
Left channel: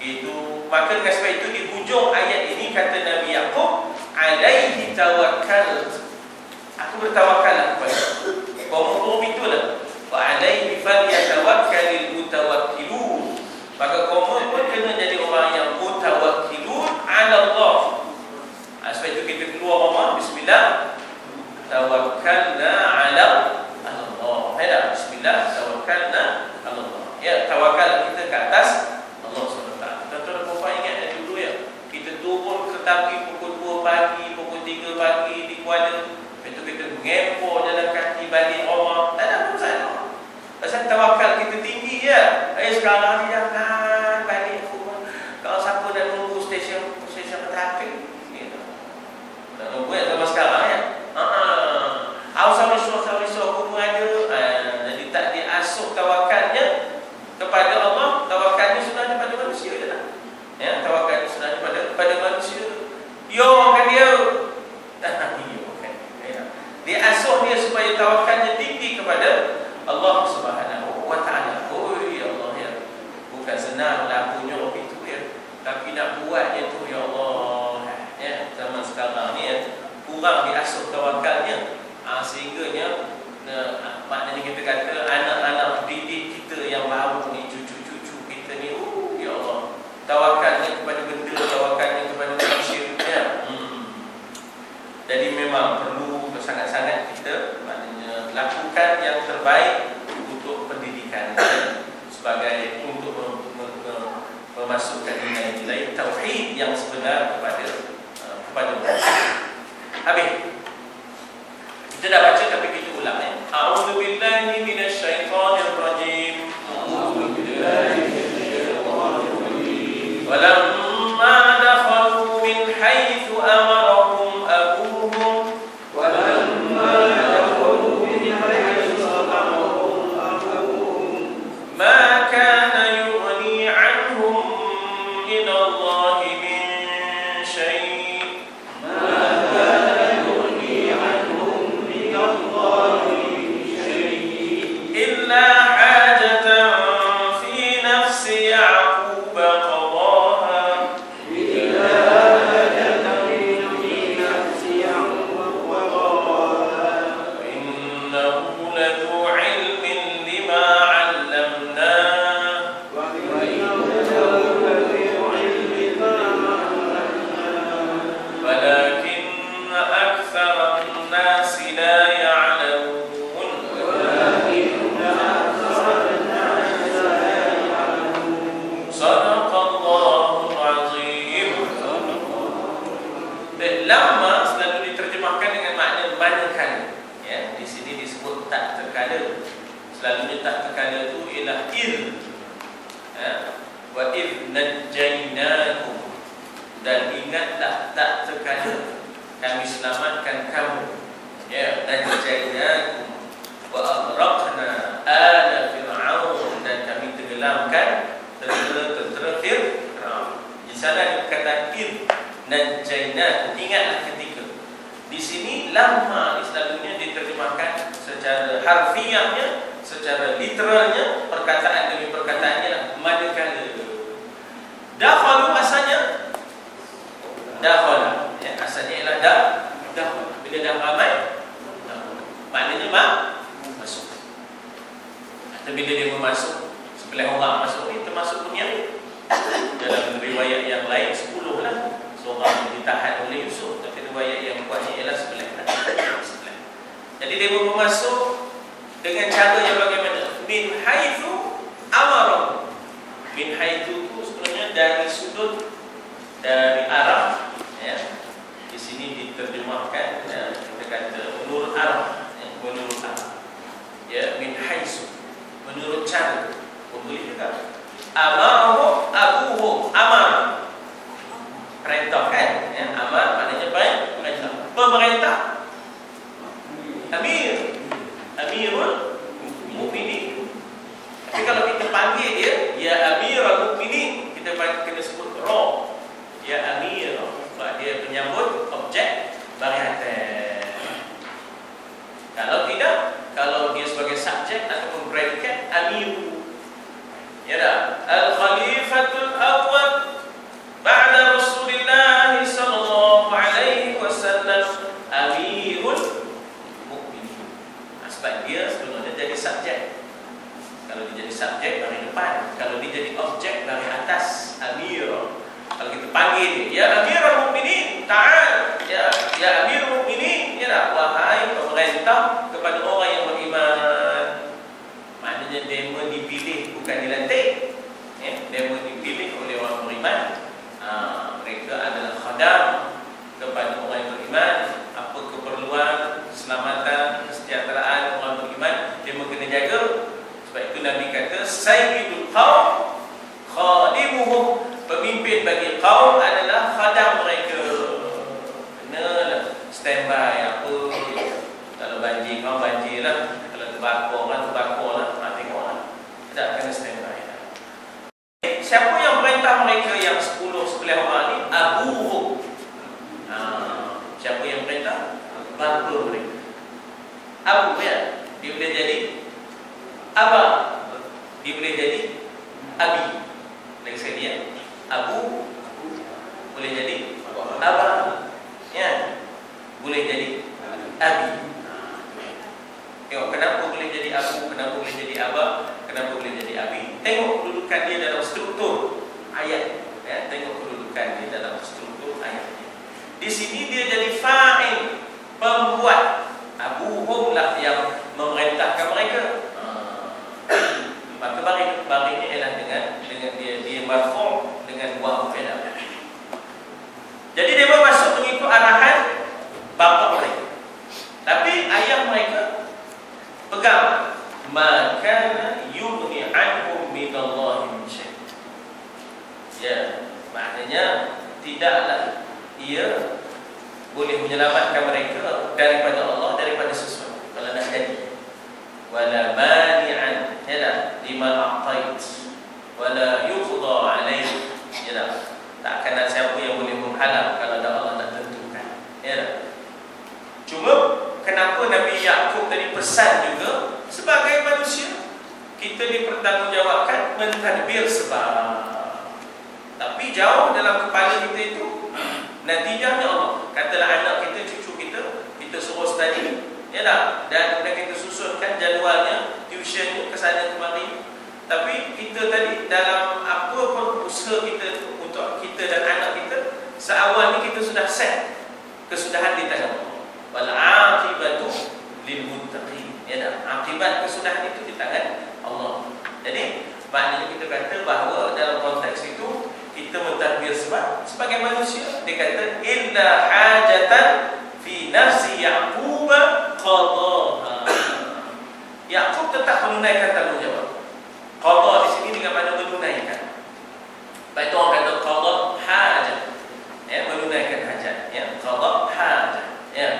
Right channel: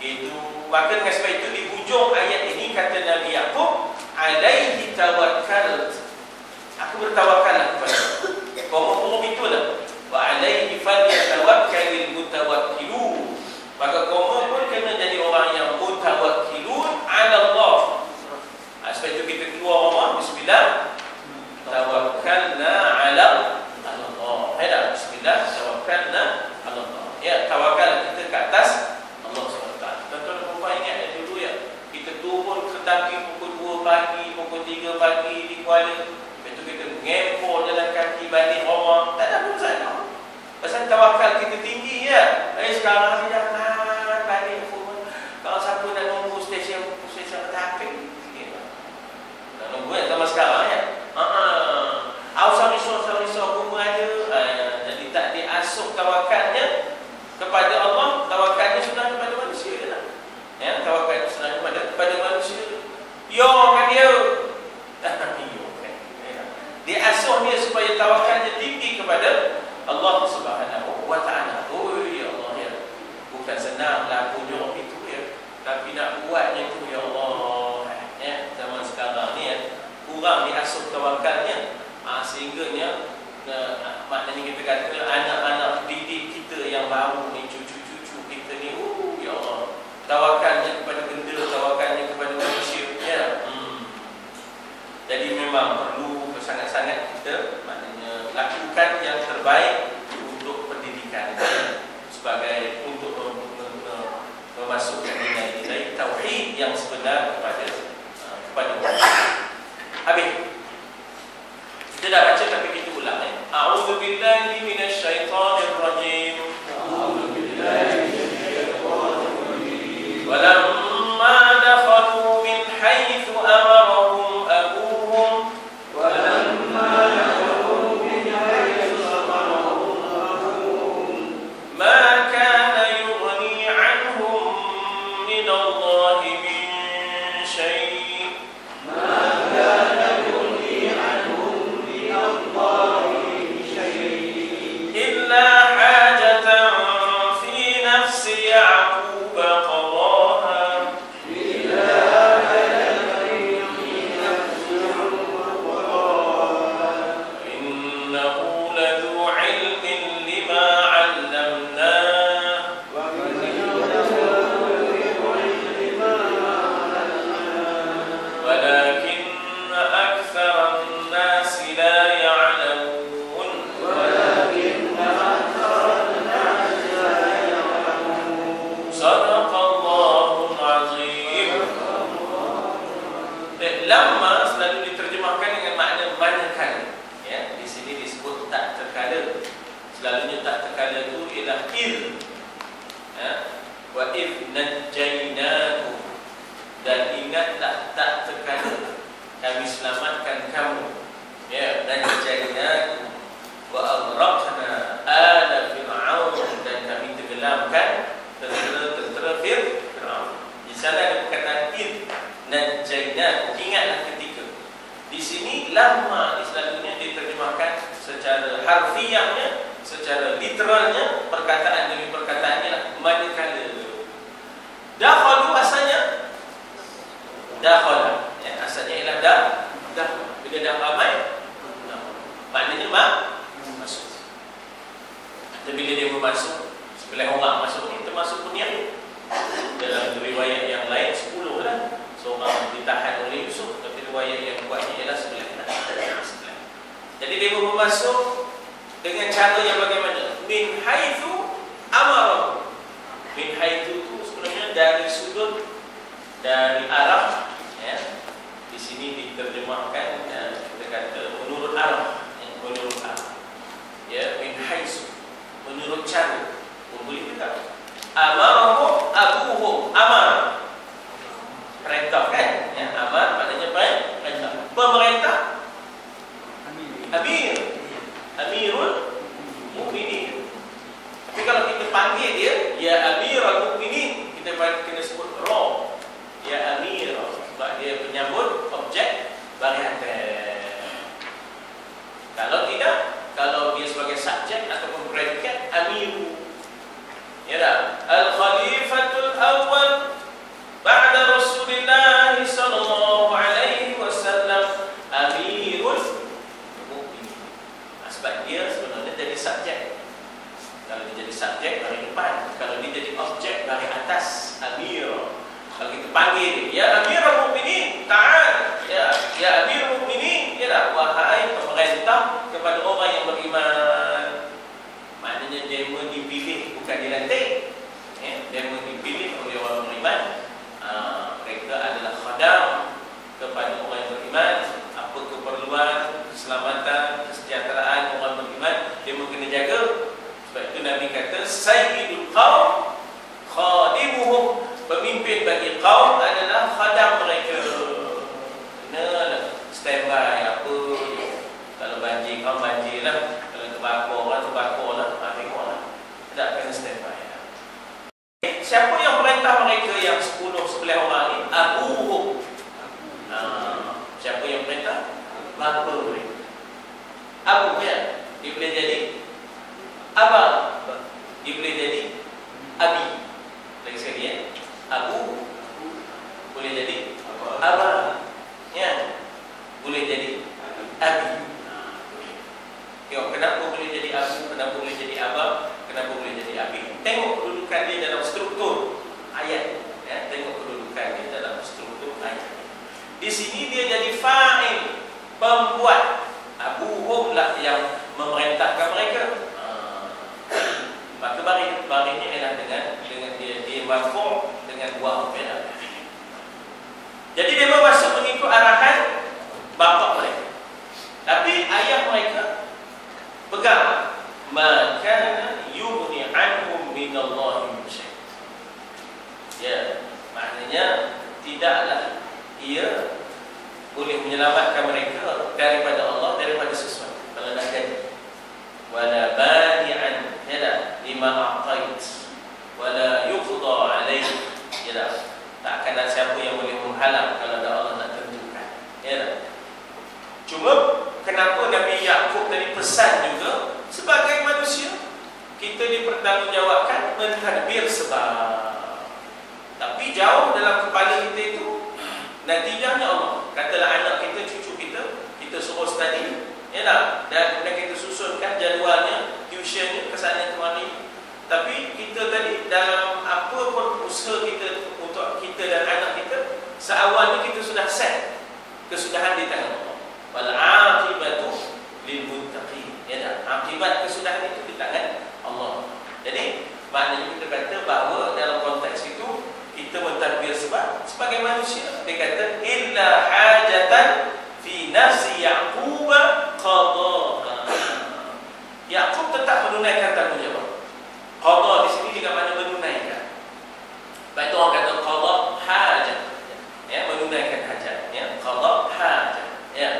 itu maka dengan sebab itu di hujung ayat ini kata Nabi Yaqub, alaihi tawakkal, aku bertawakal kepada Allah. Itulah wa alaihi falyatawakkalul mutawakkilun. tawakal kita ke atas Allah SWT. Tuan-tuan dan puan ingat dari dulu ya, kita turun ke Taki pukul 2 pagi, pukul 3 pagi di Kuala. Lepas tu kita mengempor jalan kaki balik rumah. Tak ada apa masalah. Pasal tawakal kita tinggi ya. Sekarang ni jangan balik rumah. Kalau siapa dah nunggu stesen kereta api, dah nunggu zaman sekarang ya. Risau aku ada. Jadi tak diasuh tawakalnya kepada Allah, tawakalnya sebenarnya kepada manusia lah. Ya, tawakalnya sebenarnya kepada manusia. Yo kan dia. Diasuh dia supaya tawakalnya tinggi kepada Allah Subhanahu wa taala. Oh ya Allah ya. Bukan senang lakunya itu ya. Tapi nak buatnya tu ya Allah. Ya, zaman sekarang ni ya, kurang diasuh tawakalnya. Sehingganya maknanya kita kata anak-anak didik kita yang baru ni, cucu-cucu kita ni, ya Allah, tawakalnya kepada benda, tawakalnya kepada manusia ya. Jadi memang perlu sangat-sangat kita maknanya lakukan yang terbaik untuk pendidikan kita sebagai untuk memasukkan nilai-nilai tauhid yang sebenar kepada Allah. Habis kita dah baca tapi kita ulang ya. A'udzu billahi minasyaitonir rajim. A'udzu billahi minasyaitonir rajim. Walamma dakhalu min haitsu amarahum abuhum ma kana yughni 'anhum min Allah min syai'. Lama selalu diterjemahkan dengan makna manakala. Ya, di sini disebut tak terkala. Selalunya tak terkala itu ialah il. Ya, wa id najjaynakum, dan ingatlah tak terkala kami selamatkan kamu. Ya, najjaynakum wa aghraqna ala fir'aun, dan kami tenggelamkan tentera Fir'aun. Di sana dikatakan id najjaynakum, ingatlah ketika. Di sini lama selalunya diterjemahkan secara harfiahnya, secara literalnya, perkataan demi perkataannya manakala. Dakhalu asalnya dakhala, ya, asalnya ialah dakhala. Bila dah ramai maknanya masuk. Atau bila dia masuk, sebelah orang masuk ni termasuk dunia. Dalam riwayat yang lain 10 lah. Seorang ditahan oleh Yusuf, tapi riwayat yang kuatnya ialah 9. Jadi dia masuk dengan cara yang bagaimana? Min haitsu amara. Min haitsu itu sebenarnya dari sudut, dari arah ya. Di sini diterjemahkan ya, kita kata menurut arah, ya, menurut arah. Ya, min haitsu menurut cara. Boleh juga. Amarahu abuhum, amar perintah kan? Yang amar maknanya perintah. Pemerintah Amir, Amirul Mukminin. Tapi kalau kita panggil dia, ya Amirul Mukminin, kita kena sebut roh. Ya Amir, sebab dia penyambut objek bahagian. Kalau tidak, kalau dia sebagai subjek atau predikat, Amiru. Ya dah. Al-Khalifatul Awwal ba'da Rasulillah sallallahu alaihi wasallam Amirul Mukminin. Sebab dia sebenarnya jadi subjek. Kalau dia jadi subjek dari depan, kalau dia jadi objek dari atas, Amir. Kalau kita panggil dia, ya Amirul Mukminin, ta'al. Ya Amirul Mukminin, ya dah, wahai pemerintah kepada orang yang beriman. Maknanya demo dipilih, bukan dilantik. sayyidul qaum khadimuhum, pemimpin bagi kaum adalah khadam mereka. Kena standby apa. Kalau banjir, kau banjir lah. Kalau terbakar lah. Tengok lah. Tak kena standby lah. Siapa yang perintah mereka yang 10-11 orang ni? Abuhum. Siapa yang perintah? Bapa mereka. Abu ya, dia boleh jadi abang, dia boleh jadi abi. Lagi sekali ya, abu boleh jadi abang, ya, boleh jadi abi. Tengok kenapa boleh jadi abu, kenapa boleh jadi abang, kenapa boleh jadi abi. Tengok kedudukan dia dalam struktur ayat, ya, tengok kedudukan dia dalam struktur ayat. Di sini dia jadi fa'il, pembuat. Abuhum lah yang memerintahkan mereka. Maka bari ini adalah dengan dia marfu' dengan buah fi'il. Jadi dia masuk mengikut arahan bapa mereka. Tapi ayah mereka pegang, maka yughni anhum minallahi min syai'. Ya, maknanya tidaklah ia boleh menyelamatkan mereka daripada Allah, daripada sesuatu kalau nak jadi. Wala mani'an yada lima a'tait wala yuqda alaih, ya, tak akan ada siapa yang boleh menghalang kalau Allah nak tentukan, ya. Cuma kenapa Nabi Yaqub tadi pesan juga sebagai manusia kita dipertanggungjawabkan mentadbir sebab. Tapi jauh dalam kepala kita itu natijahnya Allah. Katalah anak kita, cucu kita suruh study, ya tak? Dan kemudian kita susunkan jadualnya, tuitionnya kesana kemari. Tapi kita tadi dalam apa pun usaha kita untuk kita dan anak kita, seawalnya kita sudah set kesudahan di tangan Allah. Wal aqibatu lil muttaqin, ya tak? Akibat kesudahan itu di tangan Allah. Jadi maknanya kita kata bahawa dalam konteks itu kita mentadbir sebab sebagai manusia. Dia kata illa hajatan fi nafsi Yaqub qadaha. Yaqub tetap menunaikan tanggungjawab. Qada di sini dengan makna menunaikan. Baik, itu orang kata qada hajat, ya, menunaikan hajat, ya, qada hajat, ya.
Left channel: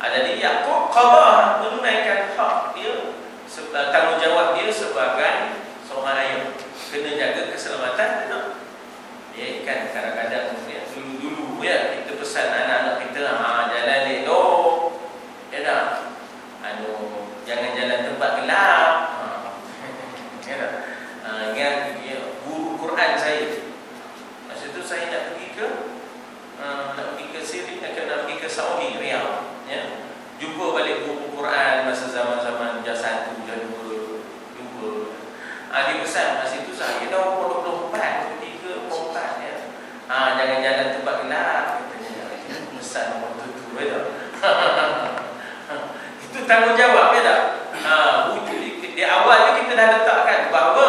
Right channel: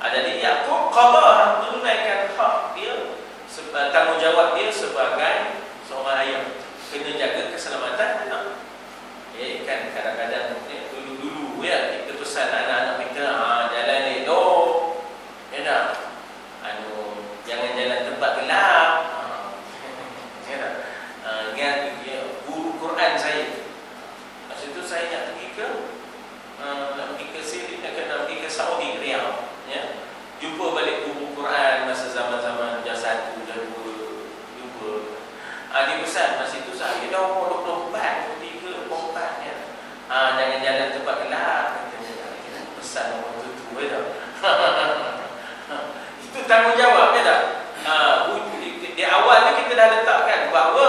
Jadi Yaqub qada, menunaikan hak dia, tanggungjawab dia sebagai seorang ayah. Kena jaga keselamatan anak. Ya, kan kadang-kadang ya, dulu-dulu ya kita pesan anak-anak kita jalan elok, ya dah, jangan jalan tempat gelap. Ya dah, ingat ya, guru Quran saya. Masa itu saya nak pergi ke Siri, nak pergi ke Saudi, Riyadh, ya. Jumpa balik guru Quran masa zaman-zaman dah 1 dah 2 jumpa. Dia pesan masa itu saya dah umur 24. Jangan jalan tempat gelap. Pesan waktu itu, betul. Itu tanggungjawab, ya tak? Di awal kita dah letakkan bahawa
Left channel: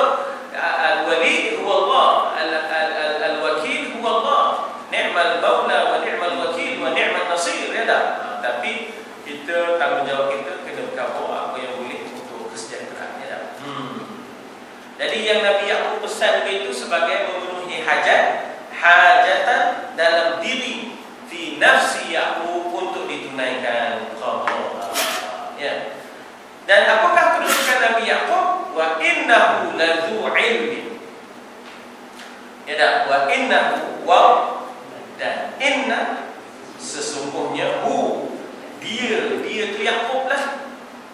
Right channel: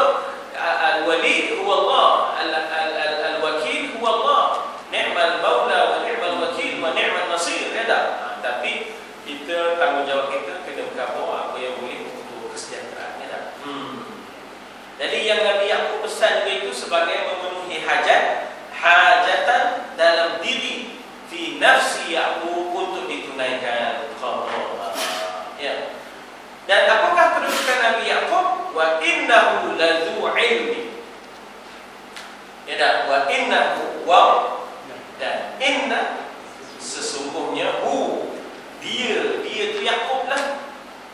al-wali huwa Allah, al-wakil huwa Allah, ni'mal maula wa ni'mal wakil wa ni'mal nasir, ya tak? Tapi kita tanggungjawab kita kena cover apa yang boleh untuk kesejahteraan, ya tak? Jadi yang Nabi Yaqub pesan itu sebagai memenuhi hajatan dalam diri fi nafsi Yaqub untuk ditunaikan qada, ya. Dan apakah kedudukan Nabi Yaqub? Wa innahu ladzu ilmi, ya dah, wa innahu wa dan inna, sesungguhnya dia tu Yaqub lah,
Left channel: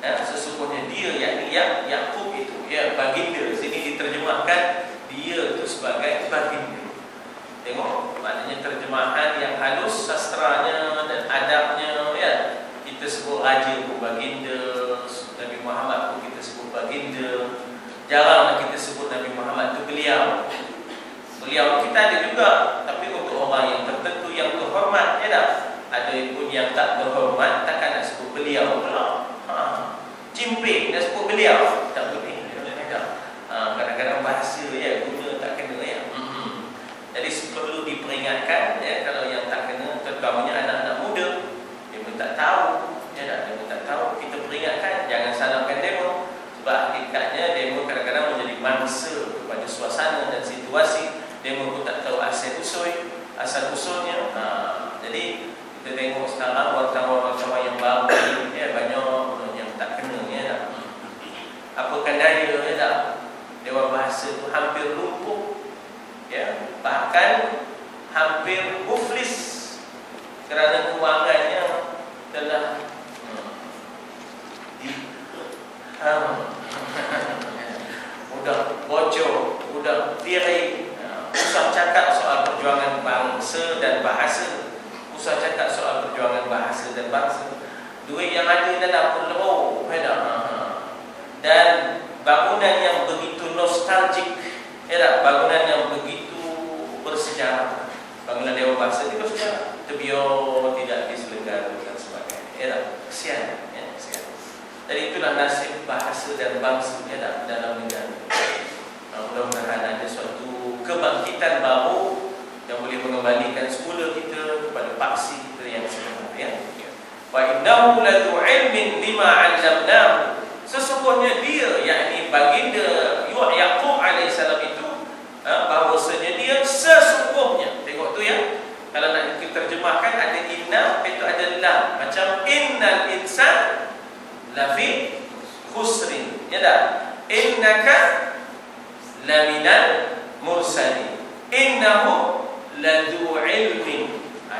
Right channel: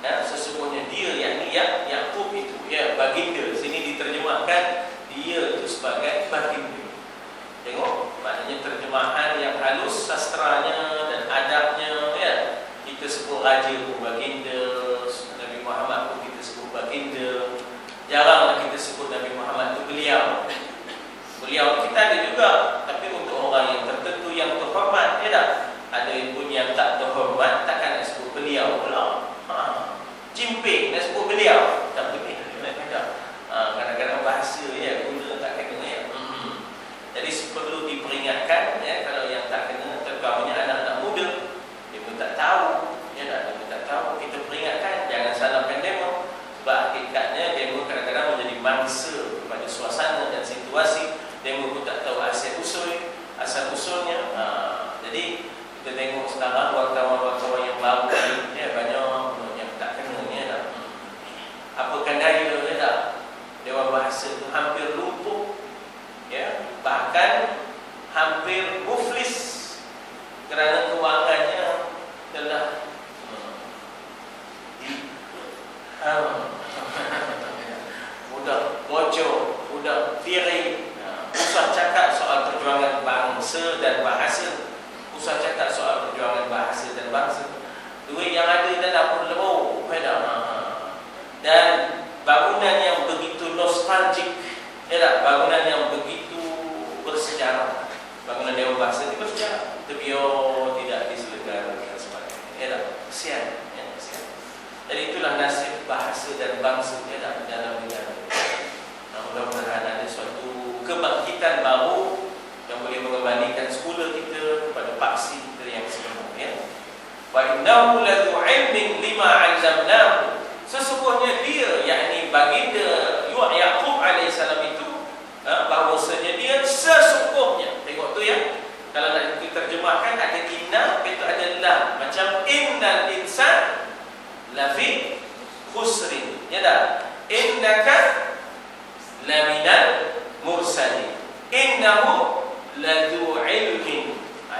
ya, sesungguhnya dia, yakni Yaqub itu, ya, baginda. Sini diterjemahkan dia itu sebagai baginda. Tengok, maknanya terjemahan yang halus sastranya dan adabnya, ya. Kita sebut Raja pun baginda, Nabi Muhammad pun kita sebut baginda. Jaranglah kita sebut Nabi Muhammad itu beliau. Beliau kita ada juga, tapi untuk orang yang tertentu yang terhormat, ya tak? Ada pun yang tak terhormat, takkan nak sebut beliau pula. Jimpik nak sebut beliau, tak boleh. Kadang-kadang bahasa, ya, guna tak kena, ya. Jadi perlu diperingatkan, ya, kalau yang tak kena, terutamanya anak-anak muda, dia pun tak tahu, ya, dia pun tak tahu. Kita peringatkan, jangan salahkan demo. Sebab hakikatnya demo kadang-kadang menjadi mangsa diri, usah cakap soal perjuangan bangsa dan bahasa, usah cakap soal perjuangan bahasa dan bangsa. Duit yang ada dalam dapur beda. Dan bangunan yang begitu nostalgik, bangunan yang begitu bersejarah. Bangunan Dewan Bahasa itu bersejarah. Tebior tidak diselenggarakan dan sebagainya. Kesian. Dan itulah nasib bahasa dan bangsa dalam negara. Mudah-mudahan ada suatu kebangkitan baru yang boleh mengembalikan semula kita kepada paksi kita yang sebenarnya. Wa innahu ladzu ilmin lima 'allamnahu. Sesungguhnya dia, yakni baginda Yaqub alaihissalam itu, bahawasanya dia sesungguhnya. Tengok tu ya. Kalau nak diterjemahkan ada inna, itu ada lam. Macam innal insan lafi khusrin. Ya dah. Innaka laminal mursalin. Innahu ladzu ilmin.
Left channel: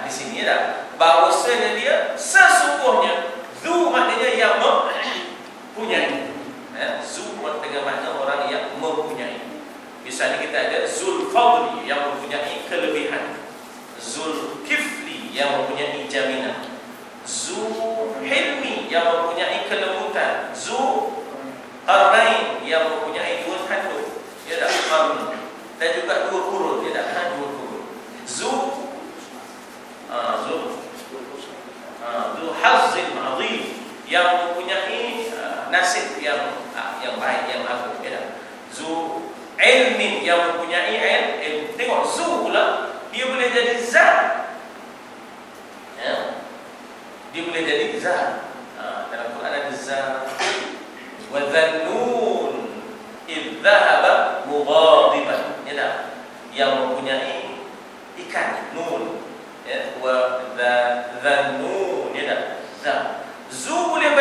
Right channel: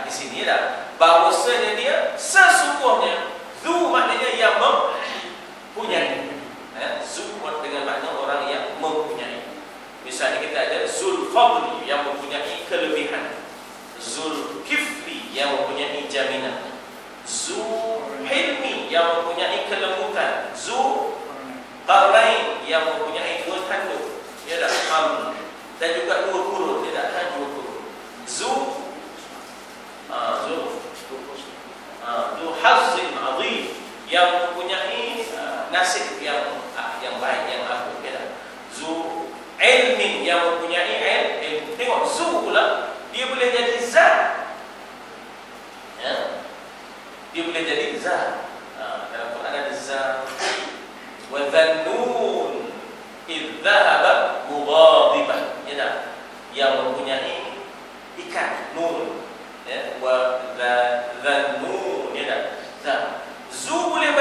Di sini ya dah. Bahawasanya dia sesungguhnya. Zu maknanya yang mempunyai. Zu dengan makna orang yang mempunyai. Misalnya kita ada Zulfadli yang mempunyai kelebihan, Zulkifli yang mempunyai jaminan, Zulhilmi yang mempunyai kelembutan, Zulqarnain yang mempunyai dua tanduk, ya dah, qarn, dan juga dua kurun, ya dah, dua kurun, Zulhazzin azim yang mempunyai nasib yang baik, yang agung, ya dah, Ilmin yang mempunyai ilm. Tengok zu pula, dia boleh jadi zat, dia boleh jadi zat. Dalam Quran ada zat. Wa dhannun idh dhahaba mughadiban, ya dah, yang mempunyai ikan nun, ya, wa dhannun, ya dah, zat. Zu boleh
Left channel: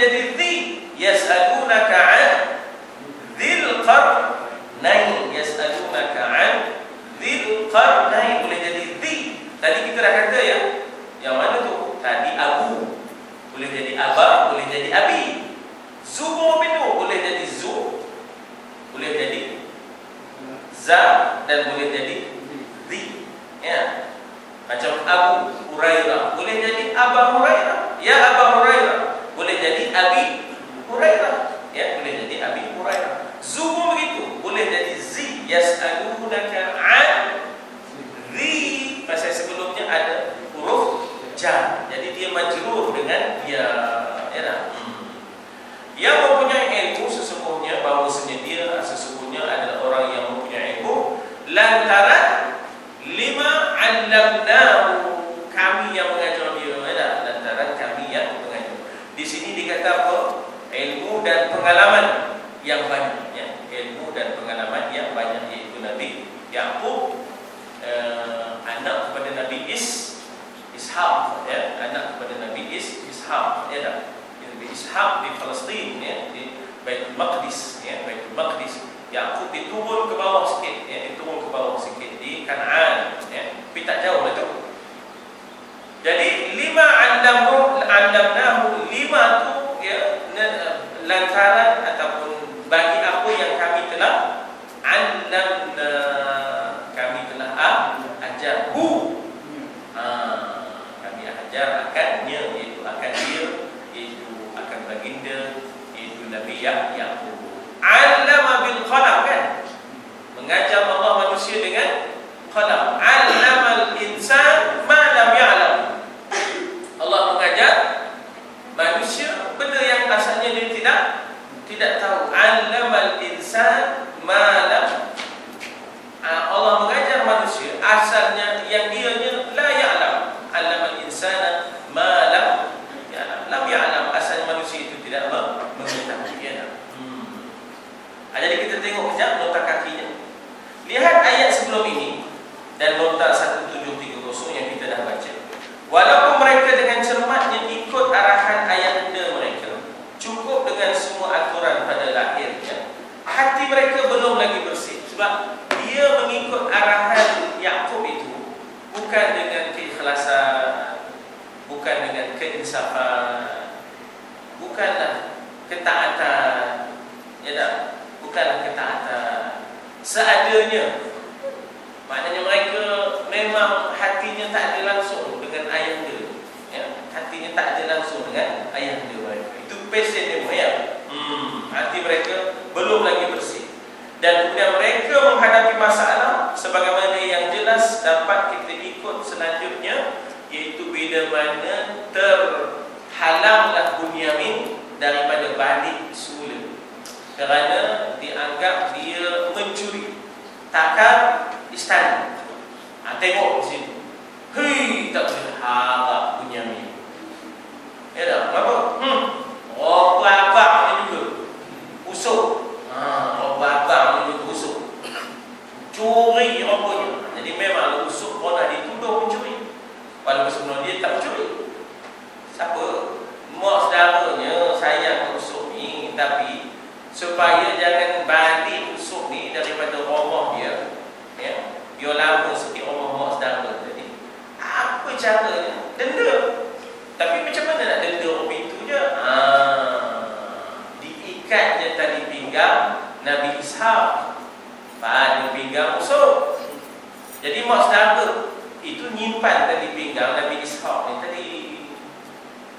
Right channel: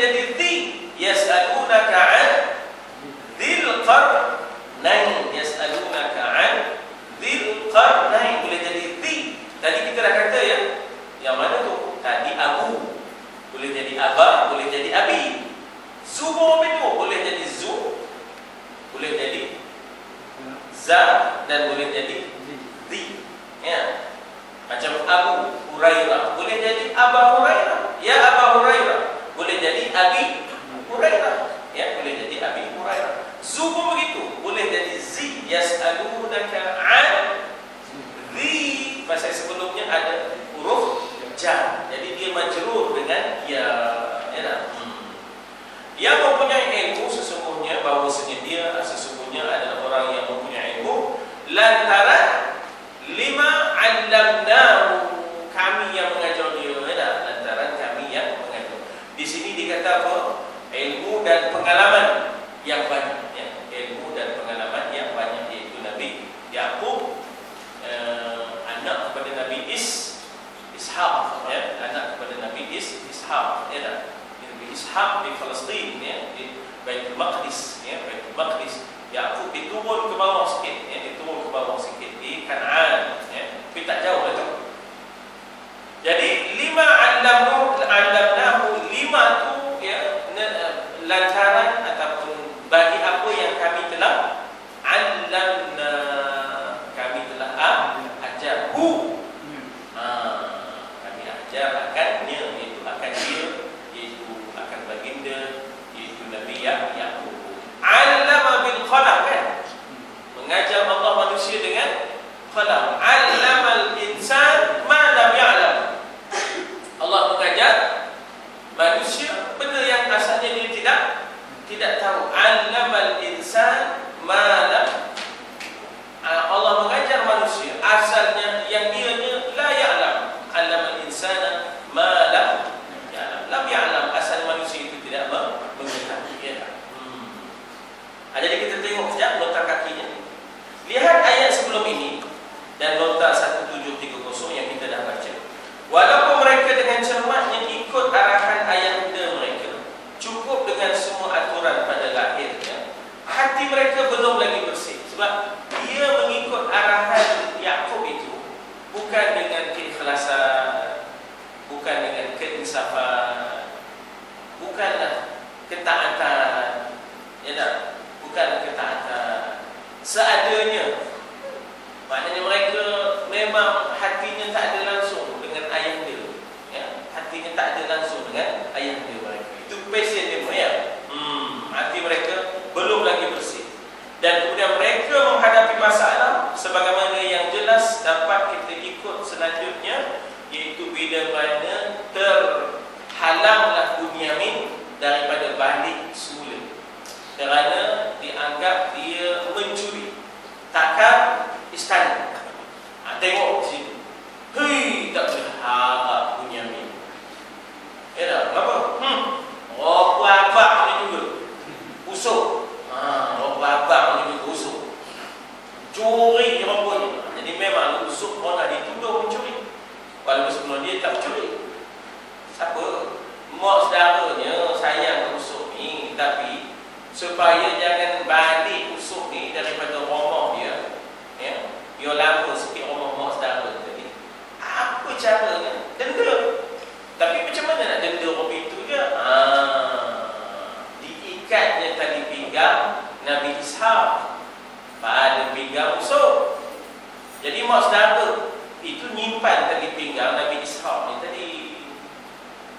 jadi dhi, yas'alunaka 'an dhil qarnain, yas'alunaka 'an dhil qarnain, boleh jadi dhi. Tadi kita dah kata ya, yang mana tu? Tadi abu, boleh jadi aba, boleh jadi abi. Zu minhu, boleh jadi zu, boleh jadi za, dan boleh jadi dhi, ya. Macam Abu Hurairah, boleh jadi Aba Hurairah, ya Aba Hurairah, boleh jadi Abi Hurairah, ya, boleh jadi Abi Hurairah. Zu begitu, boleh jadi zi, yas'alunaka 'an zi. Pasal sebelumnya ada huruf jar, jadi dia majrur dengan ya, ya. Yang mempunyai ilmu sesungguhnya bahawasanya dia sesungguhnya adalah orang yang mempunyai ilmu lantaran lima 'allamnahu, kami yang mengajar dia, ya, lantaran kami yang mengajar. Di sini dikata apa? Ilmu dan pengalaman yang banyak, ya. Ilmu dan pengalaman yang banyak, iaitu Nabi Yaqub, anak kepada Nabi Ishaq, ya, anak kepada Nabi Ishaq, ya. Nabi Ishaq di Palestin, ya, di Baitul Maqdis, ya, Baitul Maqdis. Yaqub diturun ke bawah sikit, ya, diturun ke bawah sikit di Kanaan, ya, tapi tak jauh itu. Jadi lima 'allamnahu, lima tu, ya, lantaran ataupun bagi apa yang kami telah 'allamna, kami telah ajarhu, kami ajar akannya, iaitu akan dia, iaitu akan baginda, iaitu Nabi Yaqub. 'Allama bil qalam, kan? Mengajar Allah manusia dengan qalam. 'Allamal insan ma lam ya'lam. Allah mengajar manusia benda yang asalnya dia tidak tahu. 'Allamal insan ma lam. Allah mengajar manusia asalnya yang dianya la ya'lam. 'Allamal insana ma lam ya'lam. Lam ya'lam, asal manusia itu tidak mengetahui, ya. Jadi kita tengok sekejap nota kakinya. Lihat ayat sebelum ini dan nota 1730 yang kita dah baca. Walaupun mereka dengan cermatnya ikut arahan ayahanda mereka, cukup dengan semua aturan pada lahirnya, hati mereka belum lagi bersih. Sebab dia mengikut arahan Yaqub itu bukan dengan keikhlasan, bukan dengan keinsafan, bukanlah ketaatan, ya tak? Bukanlah ketaatan. seadanya. Maknanya mereka memang hatinya tak ada langsung dengan ayah dia, ya. Hatinya tak ada langsung dengan ayah dia. Itu passion dia, ya. Hati mereka belum lagi bersih. Dan kemudian mereka menghadapi masalah sebagaimana yang jelas dapat kita ikut selanjutnya, iaitu bila mana terhalanglah Bunyamin daripada balik semula kerana dianggap dia mencuri takar istana. Tengok di sini, hei, tak boleh harap Bunyamin. Ya tak? Kenapa? Oh, abang ni juga usuk. Abang ni juga usuk. Curi rupanya. Jadi memang usuk orang dituduh mencuri. Walaupun sebelum dia tak mencuri. Siapa? Mak saudaranya sayang usuk ni, tapi supaya jangan balik usuk ni daripada rumah dia, ya, dia lama sikit rumah mak saudara tadi. Apa caranya? Denda. Tapi macam mana nak denda orang itu je? Diikatnya tali pinggang Nabi Ishaq pada pinggang usuk. Jadi mak saudara itu nyimpan tali pinggang Nabi Ishaq ni tadi.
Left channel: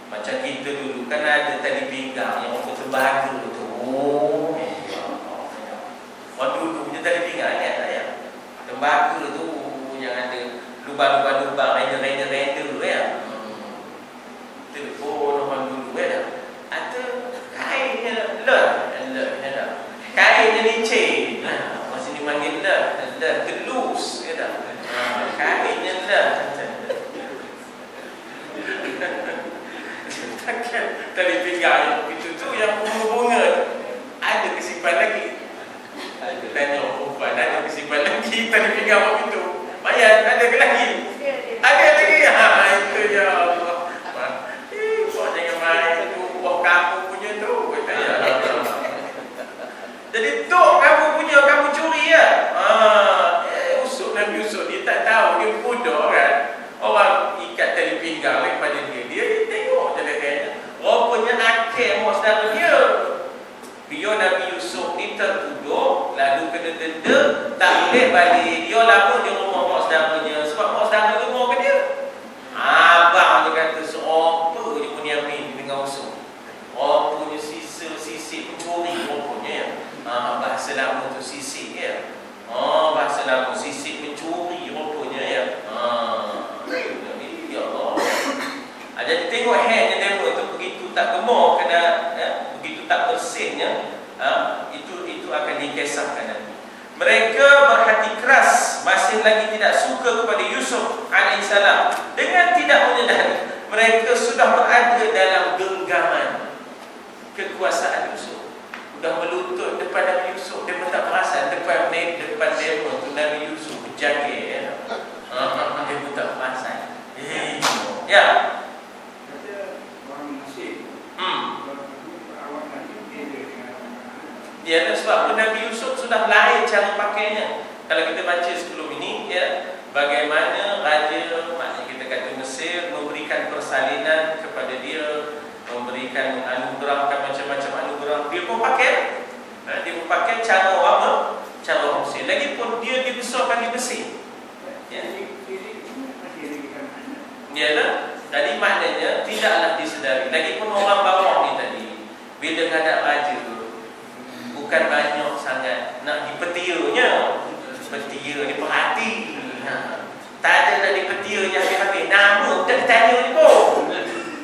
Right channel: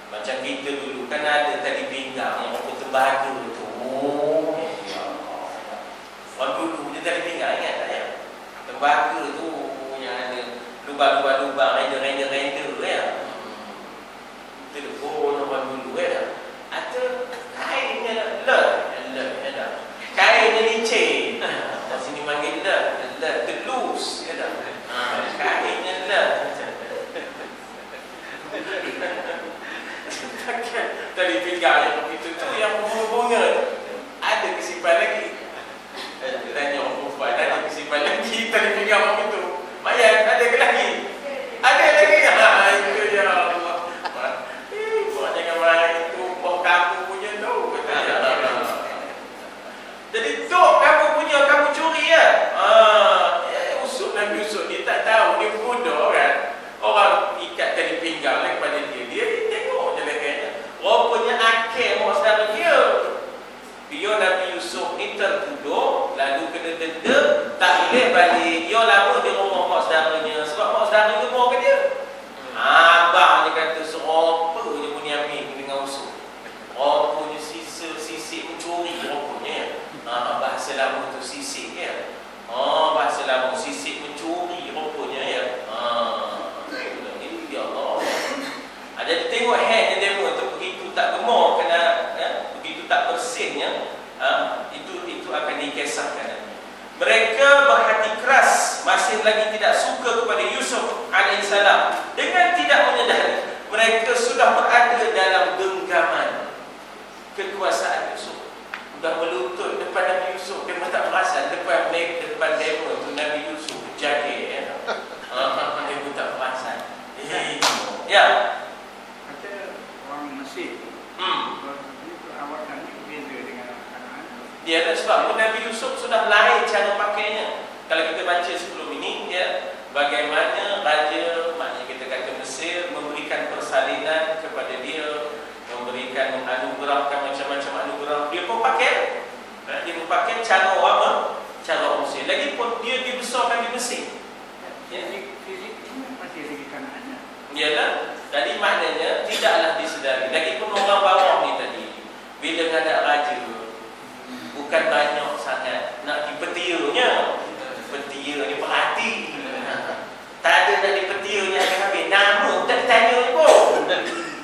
Macam kita dulu kan ada tali pinggang yang waktu terbadu tu. Waktu dulu punya tali pinggang, ingat tak ya? Terbadu tu yang ada lubang-lubang, render-render tu ya. Telefon orang dulu ya. Atau kainnya kainnya licin. Sini panggil telus ya dah. Kainnya tali pinggang yang begitu tu yang bunga-bunga ada kesimpan lagi. Tanya perempuan, ada kesimpan lagi tali pinggang begitu. Mayat ada ke lagi? Ada lagi. Itu ya Allah. Kau jangan main buah kamu punya tu. Jadi tu kamu punya, kamu curi ya. Usuk Nabi usuk, dia tak tahu, dia bodoh kan. Orang ikat tali pinggang daripada dia tengok je lehernya. Rupanya akhir mak saudara dia. Dia Nabi Yusuf ni tertuduh, lalu kena denda, tak boleh balik. Dia lama di rumah mak saudaranya sebab mak saudara dia rumah ke dia. Abang dia kata seropa je Bunyamin dengan usuk. Rupanya sisik mencuri rupanya. Bahasa lama tu sisik ya. Bahasa lama sisik mencuri rupanya ya. Ya Allah. Jadi tengok headnya demo itu begitu tak gemar kena begitu tak bersihnya, itu akan dikisahkan nanti. Mereka berhati keras, masih lagi tidak suka kepada Yusuf alaihissalam. Dengan tidak menyadari mereka sudah berada dalam genggaman kekuasaan Yusuf. Sudah melutut depan Nabi Yusuf, dia pun tak perasan depan demo tu Nabi Yusuf berjaga ya. Dia pun tak perasan. Ya. Ya, sebab Nabi Yusuf sudah lain cara pakainya. Kalau kita baca sebelum ini, ya, bagaimana raja, maknanya kita kata Mesir, memberikan persalinan kepada dia, memberikan anugerahkan macam-macam anugerah. Dia pun pakai, dia pun pakai cara apa? Cara Mesir. Lagipun dia dibesarkan di Mesir. Ya, yalah. Jadi maknanya tidaklah disedari. Lagipun orang bawah ni tadi, bila ada raja, bukan banyak sangat nak dipetianya. Petia ni perhati. Tak ada nak dipetianya habis-habis. Nama tak ditanya ni pun.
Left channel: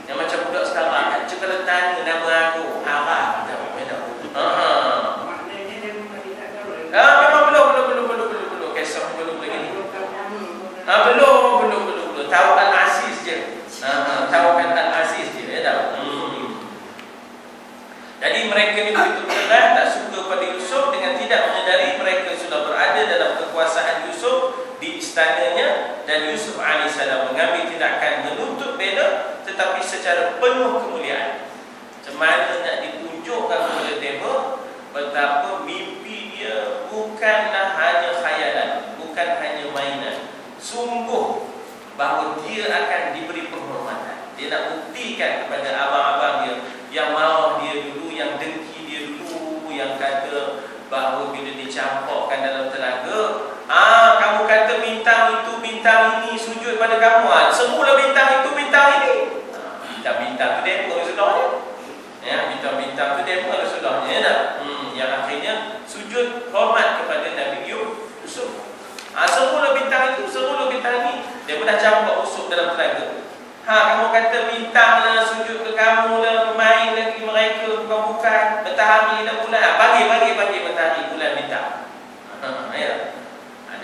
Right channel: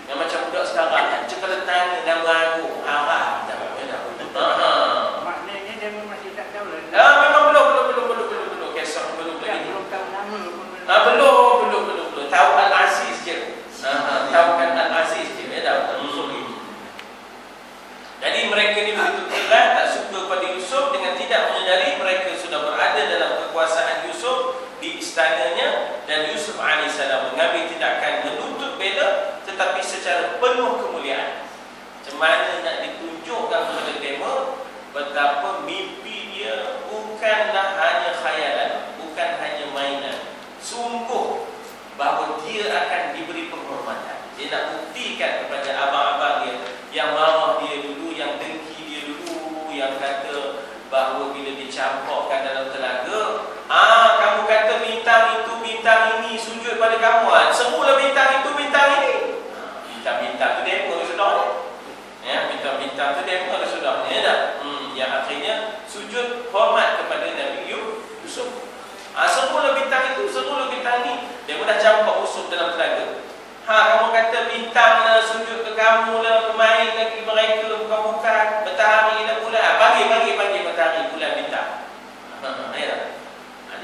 Yang macam budak sekarang tak cakap tanya nama aku. Arah. Maknanya dia masih tak tahu. Memang belum. Kesok belum lagi. Belum. Tahu Al-Aziz je. Tahu kan Al-Aziz je. Jadi mereka ni begitu keras, tak suka pada Yusuf, dengan tidak menyadari mereka sudah berada dalam kekuasaan Yusuf. Dia pun dah campak usul dalam telaga. Kamu kata bintang lah, sujud ke kamu lah, bermain lagi mereka, bukan-bukan, matahari dan bulan. Pagi matahari, bulan, bintang.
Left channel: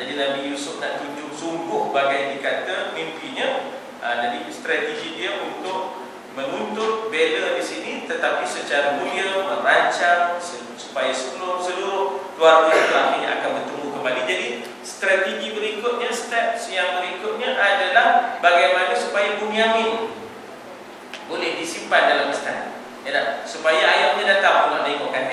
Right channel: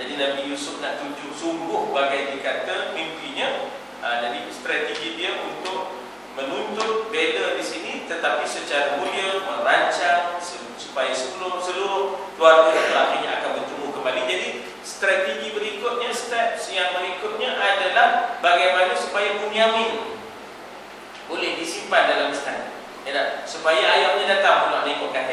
Jadi Nabi Yusuf nak tunjuk sungguh bagai dikata mimpinya. Jadi strategi dia untuk menuntut bela di sini, tetapi secara mulia merancang supaya seluruh keluarga itu akhirnya akan bertemu kembali. Jadi strategi berikutnya, steps yang berikutnya adalah bagaimana supaya Bunyamin boleh disimpan dalam istana, supaya ayahnya datang nak tengokkan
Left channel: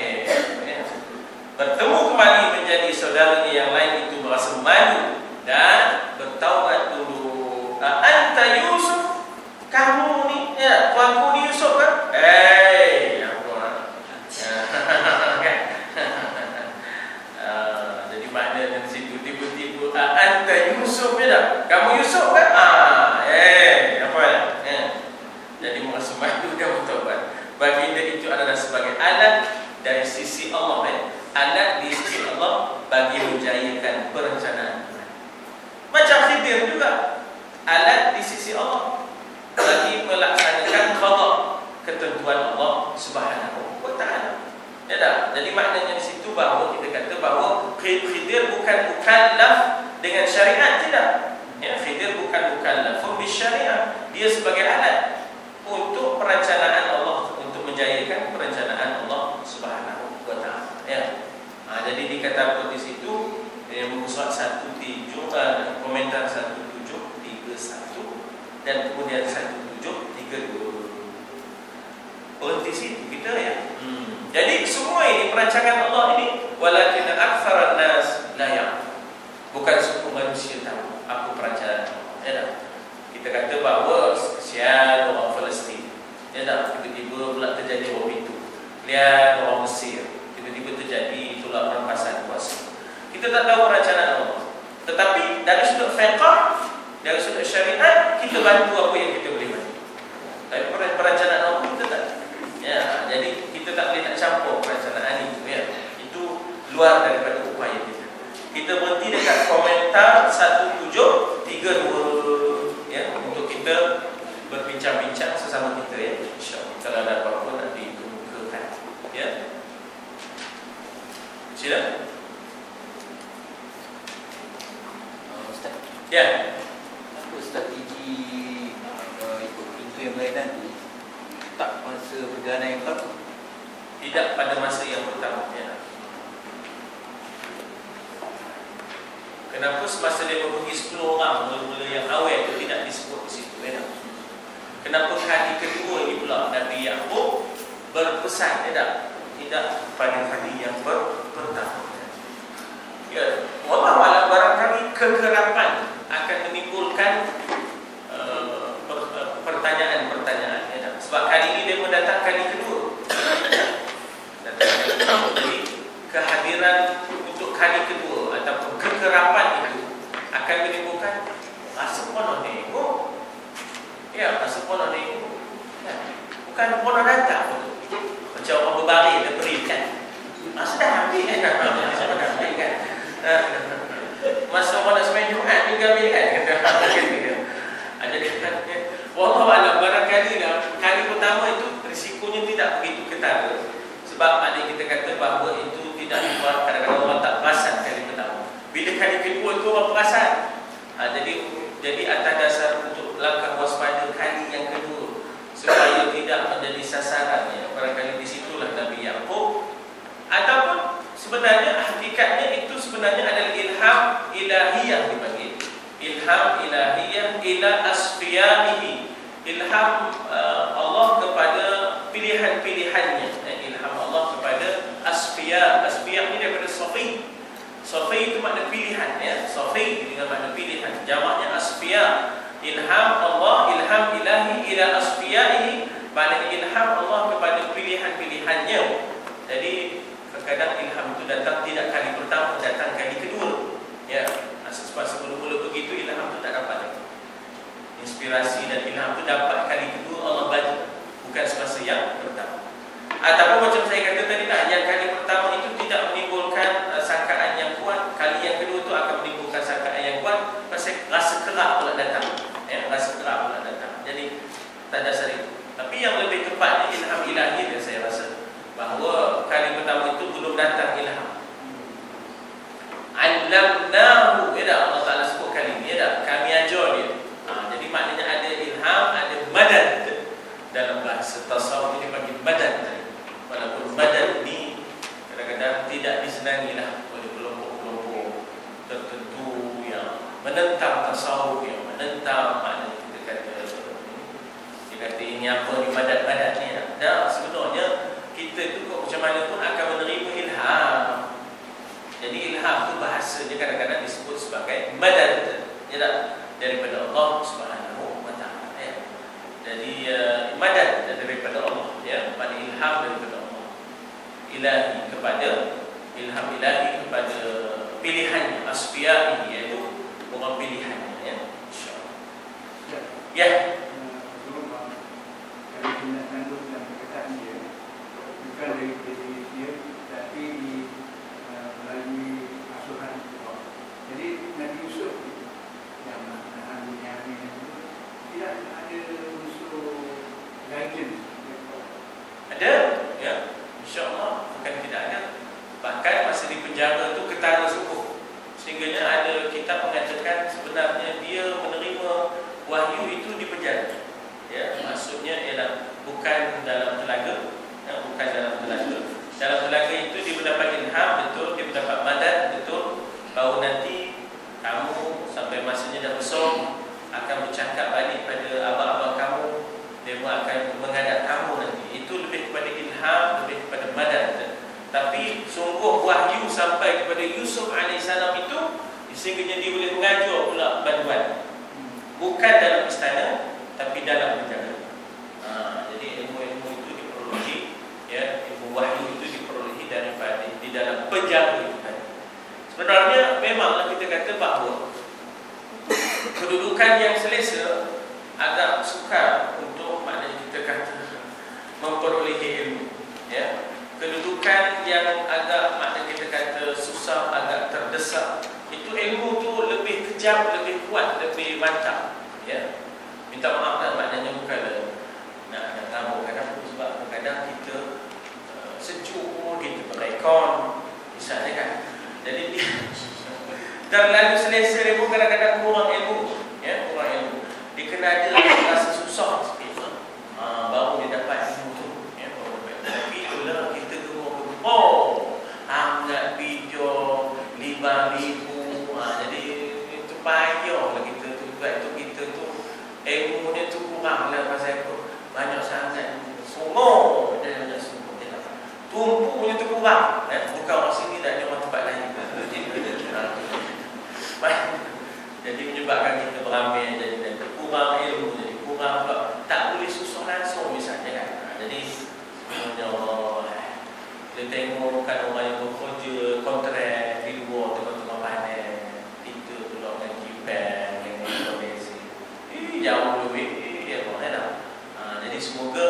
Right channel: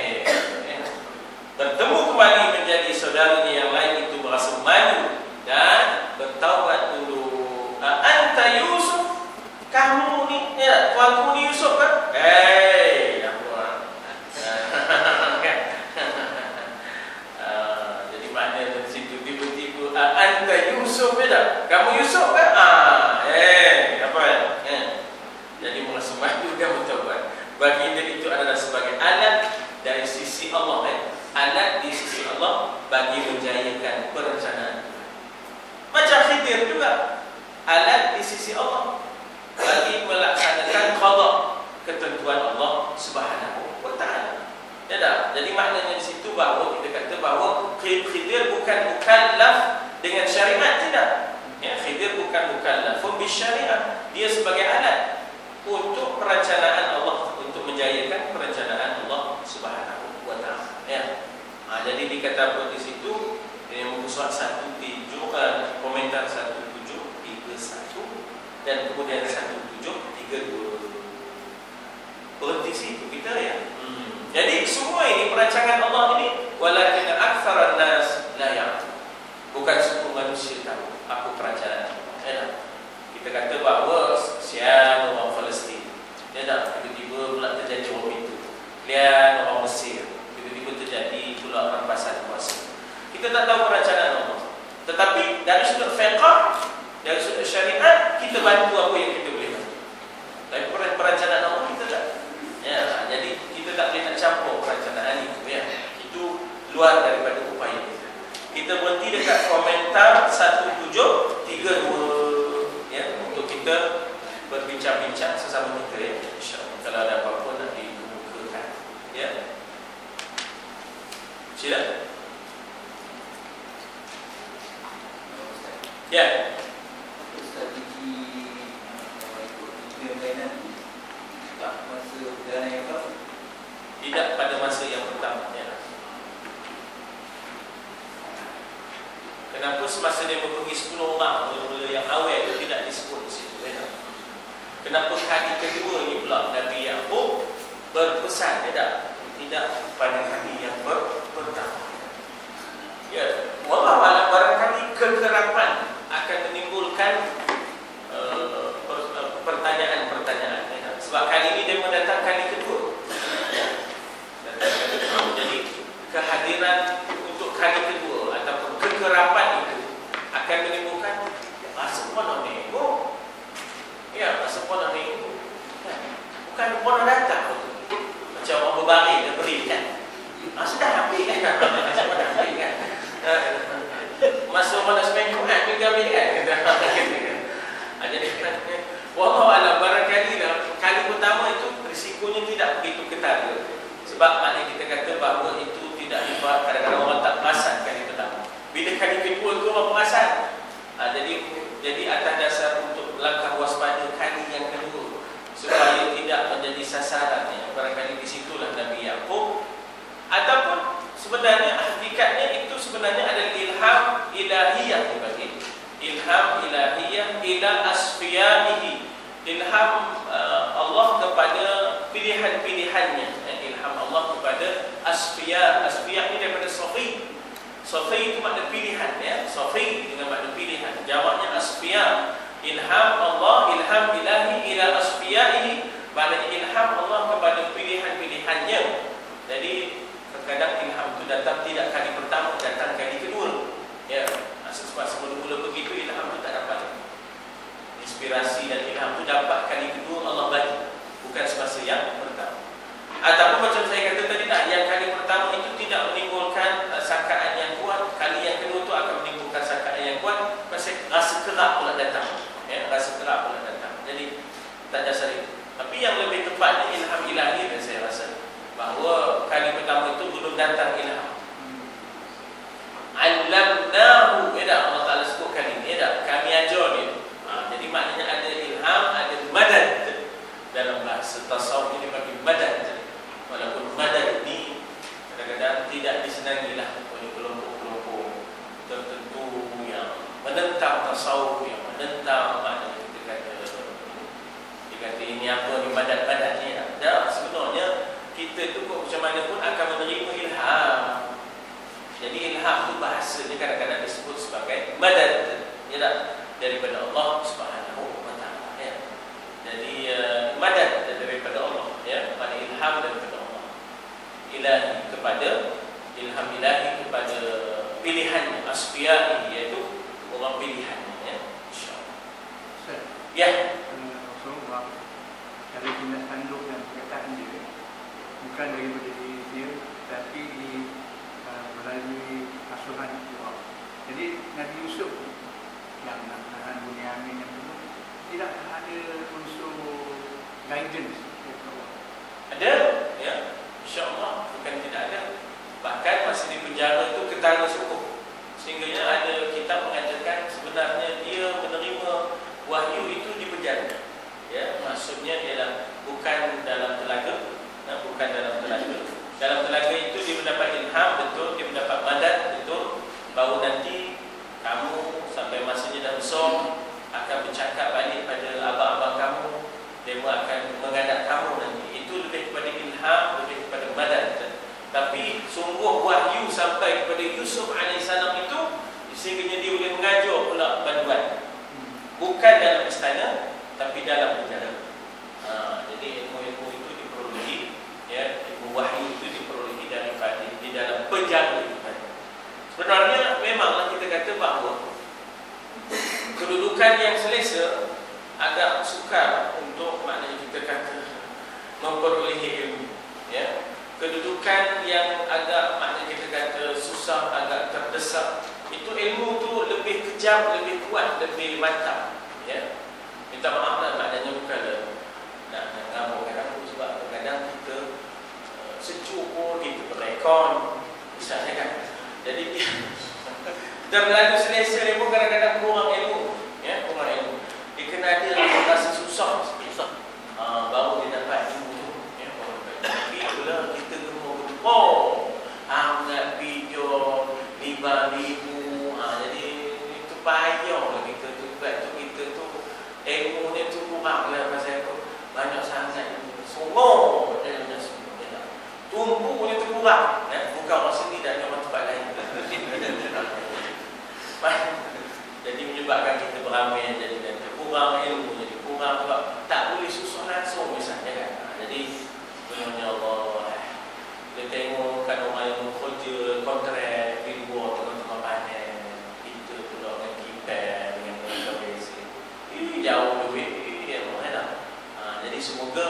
bertemu kembali menjadi saudaranya yang lain itu merasa malu dan bertaubat dulu. Anta Yusuf, kamu ni, tuanku ni Yusuf kan? Jadi maknanya dari situ tiba-tiba anta Yusuf tak? Kamu Yusuf kan? Jadi merasa malu dan bertaubat. Baginda itu adalah sebagai alat dari sisi Allah, alat di sisi Allah bagi menjayakan perencanaan. Macam Khidir juga, alat di sisi Allah bagi melaksanakan qada ketentuan Allah Subhanahu wa taala. Jadi maknanya di situ bahawa kita kata bahawa Khidir bukan mukallaf dengan syariat, tidak. Khidir bukan mukallaf bisyariah. Dia sebagai alat untuk perencanaan Allah, untuk menjayakan perencanaan Allah Subhanahu wa taala. Jadi dikata apa di situ? Muka surat 17, komentar 1731 dan kemudian 1732. Berhenti situ kita Jadi semua ini perancangan Allah ini, walakin aktsaran nas la ya'lam. Bukan semua manusia tahu apa perancangan Allah. Kita kata bahawa sial orang Palestin, tiba-tiba pula terjadi bom itu. Lihat orang Mesir, tiba-tiba terjadi pula rampasan kuasa. Kita tak tahu perancanaan Allah. Tetapi dari sudut fiqh, dari sudut syariat, kita bantu apa yang kita boleh bantu. Tapi perancanaan Allah kita tak. Jadi kita tak boleh nak campur perancanaan itu. Itu luar daripada upaya kita. Kita berhenti dekat komentar 1732 untuk kita berbincang-bincang sesama kita InsyaAllah. Kalau ada apa-apa nak dikemukakan. Sila. Untuk strategi ikut pintu yang lain nanti, tak masa perjalanan yang pertama? Tidak pada masa yang pertama. Kenapa semasa dia pergi 10 orang mula-mula yang awal itu tidak disebut di situ? Kenapa hari kedua ini pula Nabi Yaqub berpesan tidak pada hari yang pertama? Allah barangkali kekerapan akan menimbulkan pertanyaan-pertanyaan. Sebab kali ini dia mendatang kali kedua. Jadi kehadiran untuk kali kedua ataupun kekerapan itu akan menimbulkan masa pono nego. Masa pono nego. Bukan pono datang. Macam orang berbaring dan berikan. Masa dah habis kan? Masa orang nak semain Jumat juga ambil kan? Jadi wallahualam, barangkali kali pertama itu risikonya tidak begitu ketara. Sebab ada kita kata bahawa itu tidak dibuat kadang-kadang orang tak perasan kali pertama. Bila kali kedua itu orang perasan. Jadi atas dasar untuk langkah waspada kali yang kedua supaya tidak menjadi sasarannya. Barangkali di situlah Nabi Yaqub ataupun sebenarnya hakikatnya itu sebenarnya adalah ilham ilahiyah dibagi. Ilham ilahiyah ila asfiyaihi. Ilham Allah kepada pilihan-pilihannya. Ilham Allah kepada asfiya. Asfiya ini daripada sofi. Sofi itu makna pilihan. Sofi dengan makna pilihan. Jamaknya asfiya. Ilham Allah, ilham ilahi ila asfiyaihi. Maknanya ilham Allah kepada pilihan-pilihannya. Jadi kadang ilham itu datang tidak kali pertama, datang kali kedua. Sebab mula-mula begitu ilham itu tak dapat. Inspirasi dan ilham itu dapat kali kedua Allah bagi, bukan semasa yang pertama. Ataupun macam saya kata tadi yang kali pertama itu tidak menimbulkan sangkaan yang kuat, kali yang kedua itu akan menimbulkan sangkaan yang kuat. Rasa kelak pula datang Tak dasar itu. Tapi yang lebih tepatnya ilham ilahi dan saya rasa bahawa kali pertama itu belum datang ilham. Allamnahu, Allah Ta'ala sebut kali ini, kami ajar dia. Jadi maknanya ada ilham, ada madad. Dalam bahasa tasawuf ini panggil madad. Walaupun madad ini kadang-kadang tidak disenangilah oleh kelompok-kelompok tertentu yang menentang tasawuf, yang menentang makna kita kata ini apa ni madad-madadnya. Dan sebenarnya kita itu macam mana pun akan menerima ilham. Jadi ilham itu bahasanya kadang-kadang disebut sebagai madad, daripada Allah Subhanahu wa Ta'ala, ya. Jadi madad daripada Allah, ya, pada ilham daripada Allah. Ilahi kepada ilham ilahi kepada pilihannya, asfiya'i, iaitu orang pilihannya, ya. Insya-Allah. Ya. Dari tindak tanduk dan perkataan dia bukan daripada diri dia, tapi melalui asuhan Allah. Jadi Nabi Yusuf yang anak Bunyamin itu tidak ada unsur guidance. Ada, ya, insya-Allah, bukan tidak ada. Bahkan masa di penjara itu ketara sungguh, sehingga ada kitab mengatakan sebenarnya dia menerima wahyu itu di penjara. Ya, maksudnya ialah bukan dalam telaga, ya, bukan dalam telaga. Dalam telaga itu dia mendapat ilham, betul, dia mendapat madad, betul. Baru nanti kamu sampai masanya dah besar akan bercakap balik pada abang-abang kamu, dia akan menghadap kamu nanti. Itu lebih kepada ilham, lebih kepada madad. Tapi sungguh wahyu sampai kepada Yusuf AS itu sehingga dia boleh mengajar pula bantuan. Bukan dalam istana, tapi dalam penjara. Jadi ilmu-ilmu itu diperolehi, ya, ilmu wahyu itu diperolehi daripada di dalam penjara itu. Sebenarnya memanglah kita kata bahawa kedudukan yang selesa agak sukar untuk maknanya kita kata memperolehi ilmu, ya. Kedudukan yang agak maknanya kita kata susah, agak terdesak, itu ilmu tu lebih kejam, lebih kuat, lebih mantap, ya. Minta maaf lah, maknanya bukan nak tahu kadang sebab kadang kita sejuk pun kita rekon misalnya kan. Jadi terlalu selesa ilmu kadang-kadang kurang ilmu, ya, kurang ilmu. Dia kena ada rasa susah sikit, baru dia dapat ilmu tu, ya. Tapi itulah kita kena angat video 5,000, jadi itu payahlah kita tu. Sebab tu kita tu ilmu dia tu kurang lah pasal apa? Banyak sangat semua dia banyak semua dia tumpu dia tu kurang, bukan orang sini dan orang tempat lain. Jadi menyebabkan kita beramai jadi kurang ilmu, jadi kurang sebab tak boleh susun langsung misalnya kan. Jadi ya Allah, kita tengok bukan orang yang bekerja kontrak di luar tengah-tengah panen, kita pula dengan kipas yang berbeza. Jauh lebih elok dah. Jadi semoga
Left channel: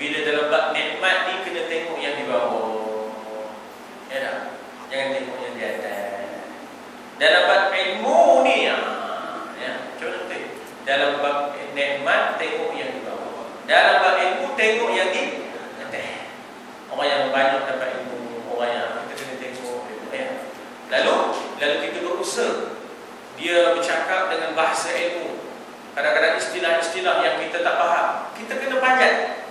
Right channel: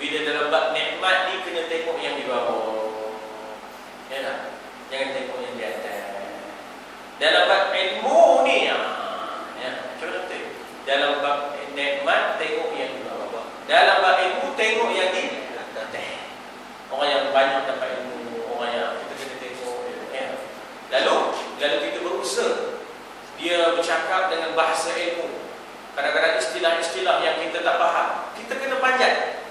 bila dalam bab nikmat ni kena tengok yang di bawah. Ya dah. Jangan tengok yang di atas. Dalam bab ilmu ni ya, cuba tengok. Dalam bab nikmat tengok yang di bawah. Dalam bab ilmu tengok yang di atas. Orang yang banyak dapat ilmu, orang yang kita kena tengok, ya. Lalu kita berusaha dia bercakap dengan bahasa ilmu. Kadang-kadang istilah-istilah yang kita tak faham, kita kena panjat.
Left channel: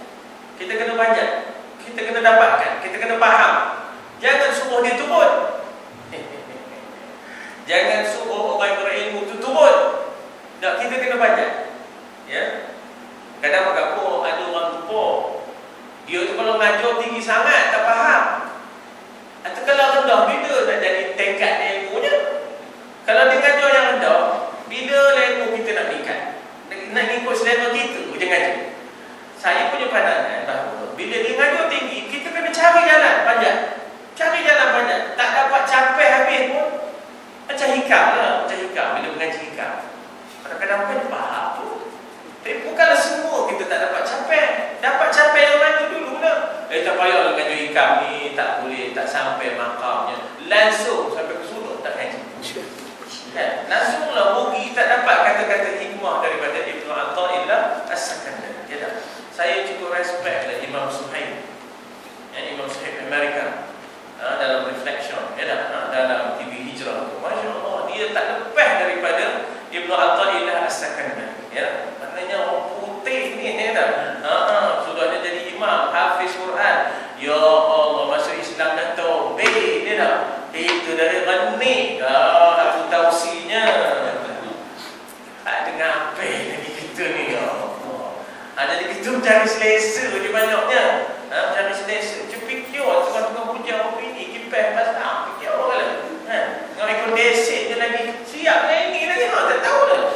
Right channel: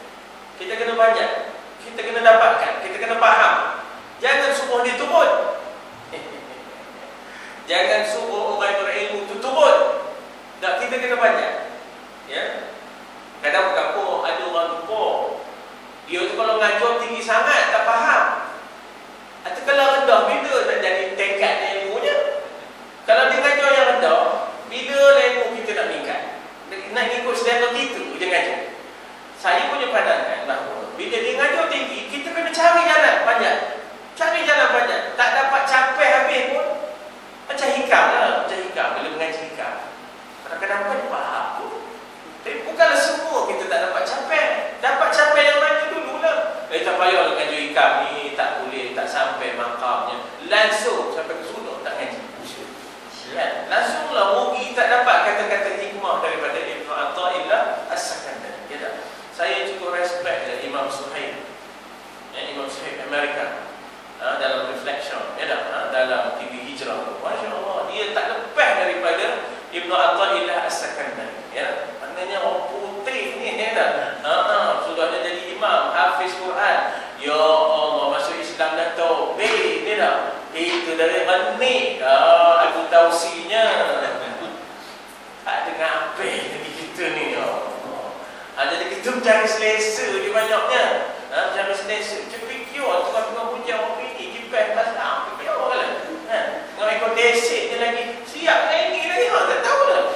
Kita kena panjat. Kita kena dapatkan, kita kena faham. Jangan suruh dia turun. Jangan suruh orang berilmu itu turun. Tak, kita kena panjat. Ya. Kadang berapa ada orang lupa. Dia tu kalau ngajar tinggi sangat tak faham. Atau kalau rendah, bila nak jadi tingkat ilmunya? Kalau dia ngajar yang rendah, bila ilmu kita nak meningkat? Nak ikut selevel kita je ngajar. Saya punya pandangan bahawa bila dia ngajar tinggi, kita kena cari jalan panjat. Cari jalan panjat. Tak dapat capai habis pun macam hikam lah. Macam hikam bila mengaji hikam. Kadang-kadang bukan faham tu. Tapi bukanlah semua kita tak dapat capai. Dapat capai yang lain tu dulu lah. daripada Ibnu Athaillah As-Sakandari. Ya, maknanya orang putih ni sudahnya jadi imam, hafiz Quran. Ya Allah, masuk Islam dah taubeh dia dah. Itu dari Ghani. Aku tausinya. Dengar apa lagi kita ni, ya Allah. Jadi kita jangan selesa di banyaknya. Jangan selesa. Fikir tu tak pernah punya apa ini. Kipas pasal fikir apa lah. Dengan ikut desik je lagi. Siap lagi lagi. Tak tahu lah.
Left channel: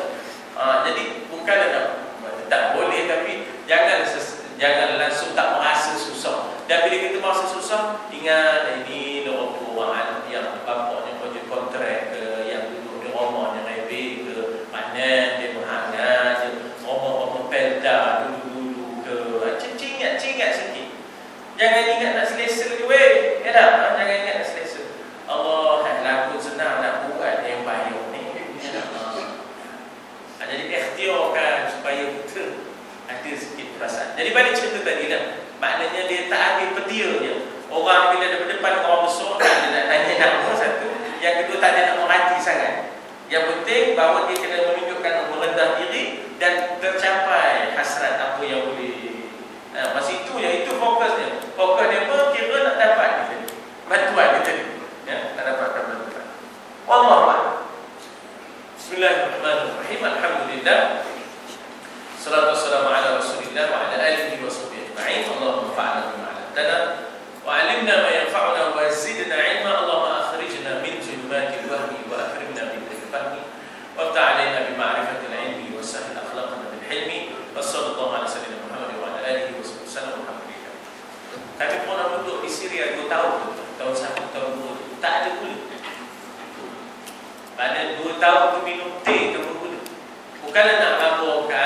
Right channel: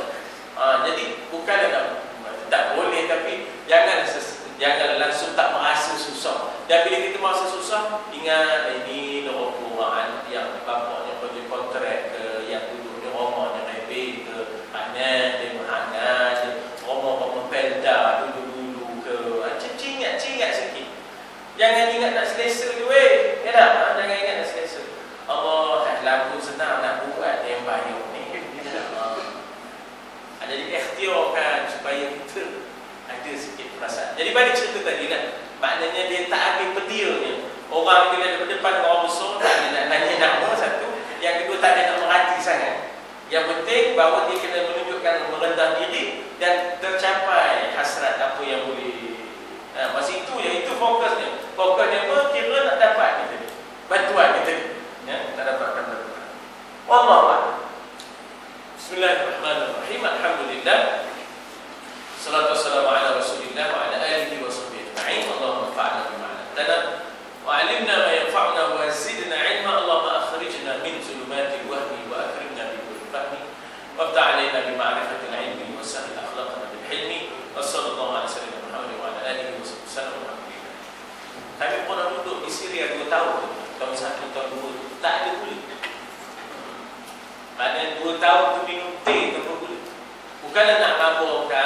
Jadi bukanlah tak boleh, tapi jangan langsung tak merasa susah. Dan bila kita merasa susah, ingat ini orang yang bapaknya kerja kontrak ke, yang duduk di rumah yang rebel ke, panen dia menghangat je, rumah pelda dulu-dulu ke. Cingat sikit. Jangan ingat nak selesa je weh. Jangan ingat nak selesa. Allah lagu senang nak buat yang bahaya ni. Jadi ikhtiarkan supaya kita ada sikit perasaan. Jadi balik cerita tadi kan, maknanya dia tak ambil petir je. Orang bila ada berdepan dengan orang besar, dia nak tanya nama satu. Yang kedua, tak ada nak merhati sangat. Yang penting bahawa dia kena menunjukkan merendah diri dan tercapai hasrat apa yang boleh. Masa itu je, itu fokusnya. Fokusnya tu kira nak dapat kita bantuan kita ni. Tak dapatkan bantuan. Wallahu Bismillahirrahmanirrahim. Alhamdulillah. Salatu wassalamu ala Rasulillah wa ala alihi wa sahbihi ajma'in. Allahumma fa'alna bima 'allamtana wa 'allimna ma yanfa'una wa zidna 'ilma. Allahumma akhrijna min zulumatil wahmi wa akrimna bil fahmi wa ftah 'alaina bi ma'rifatil 'ilmi wa sahhil akhlaqana bil hilmi. Wa sallallahu ala sayyidina Muhammad wa ala alihi wa sahbihi wasallam. Kami pernah duduk di Syria 2 tahun. Tahun 1, tahun 2 tak ada kulit. Pada 2 tahun tu minum teh tanpa gula. Bukanlah nak mabukkan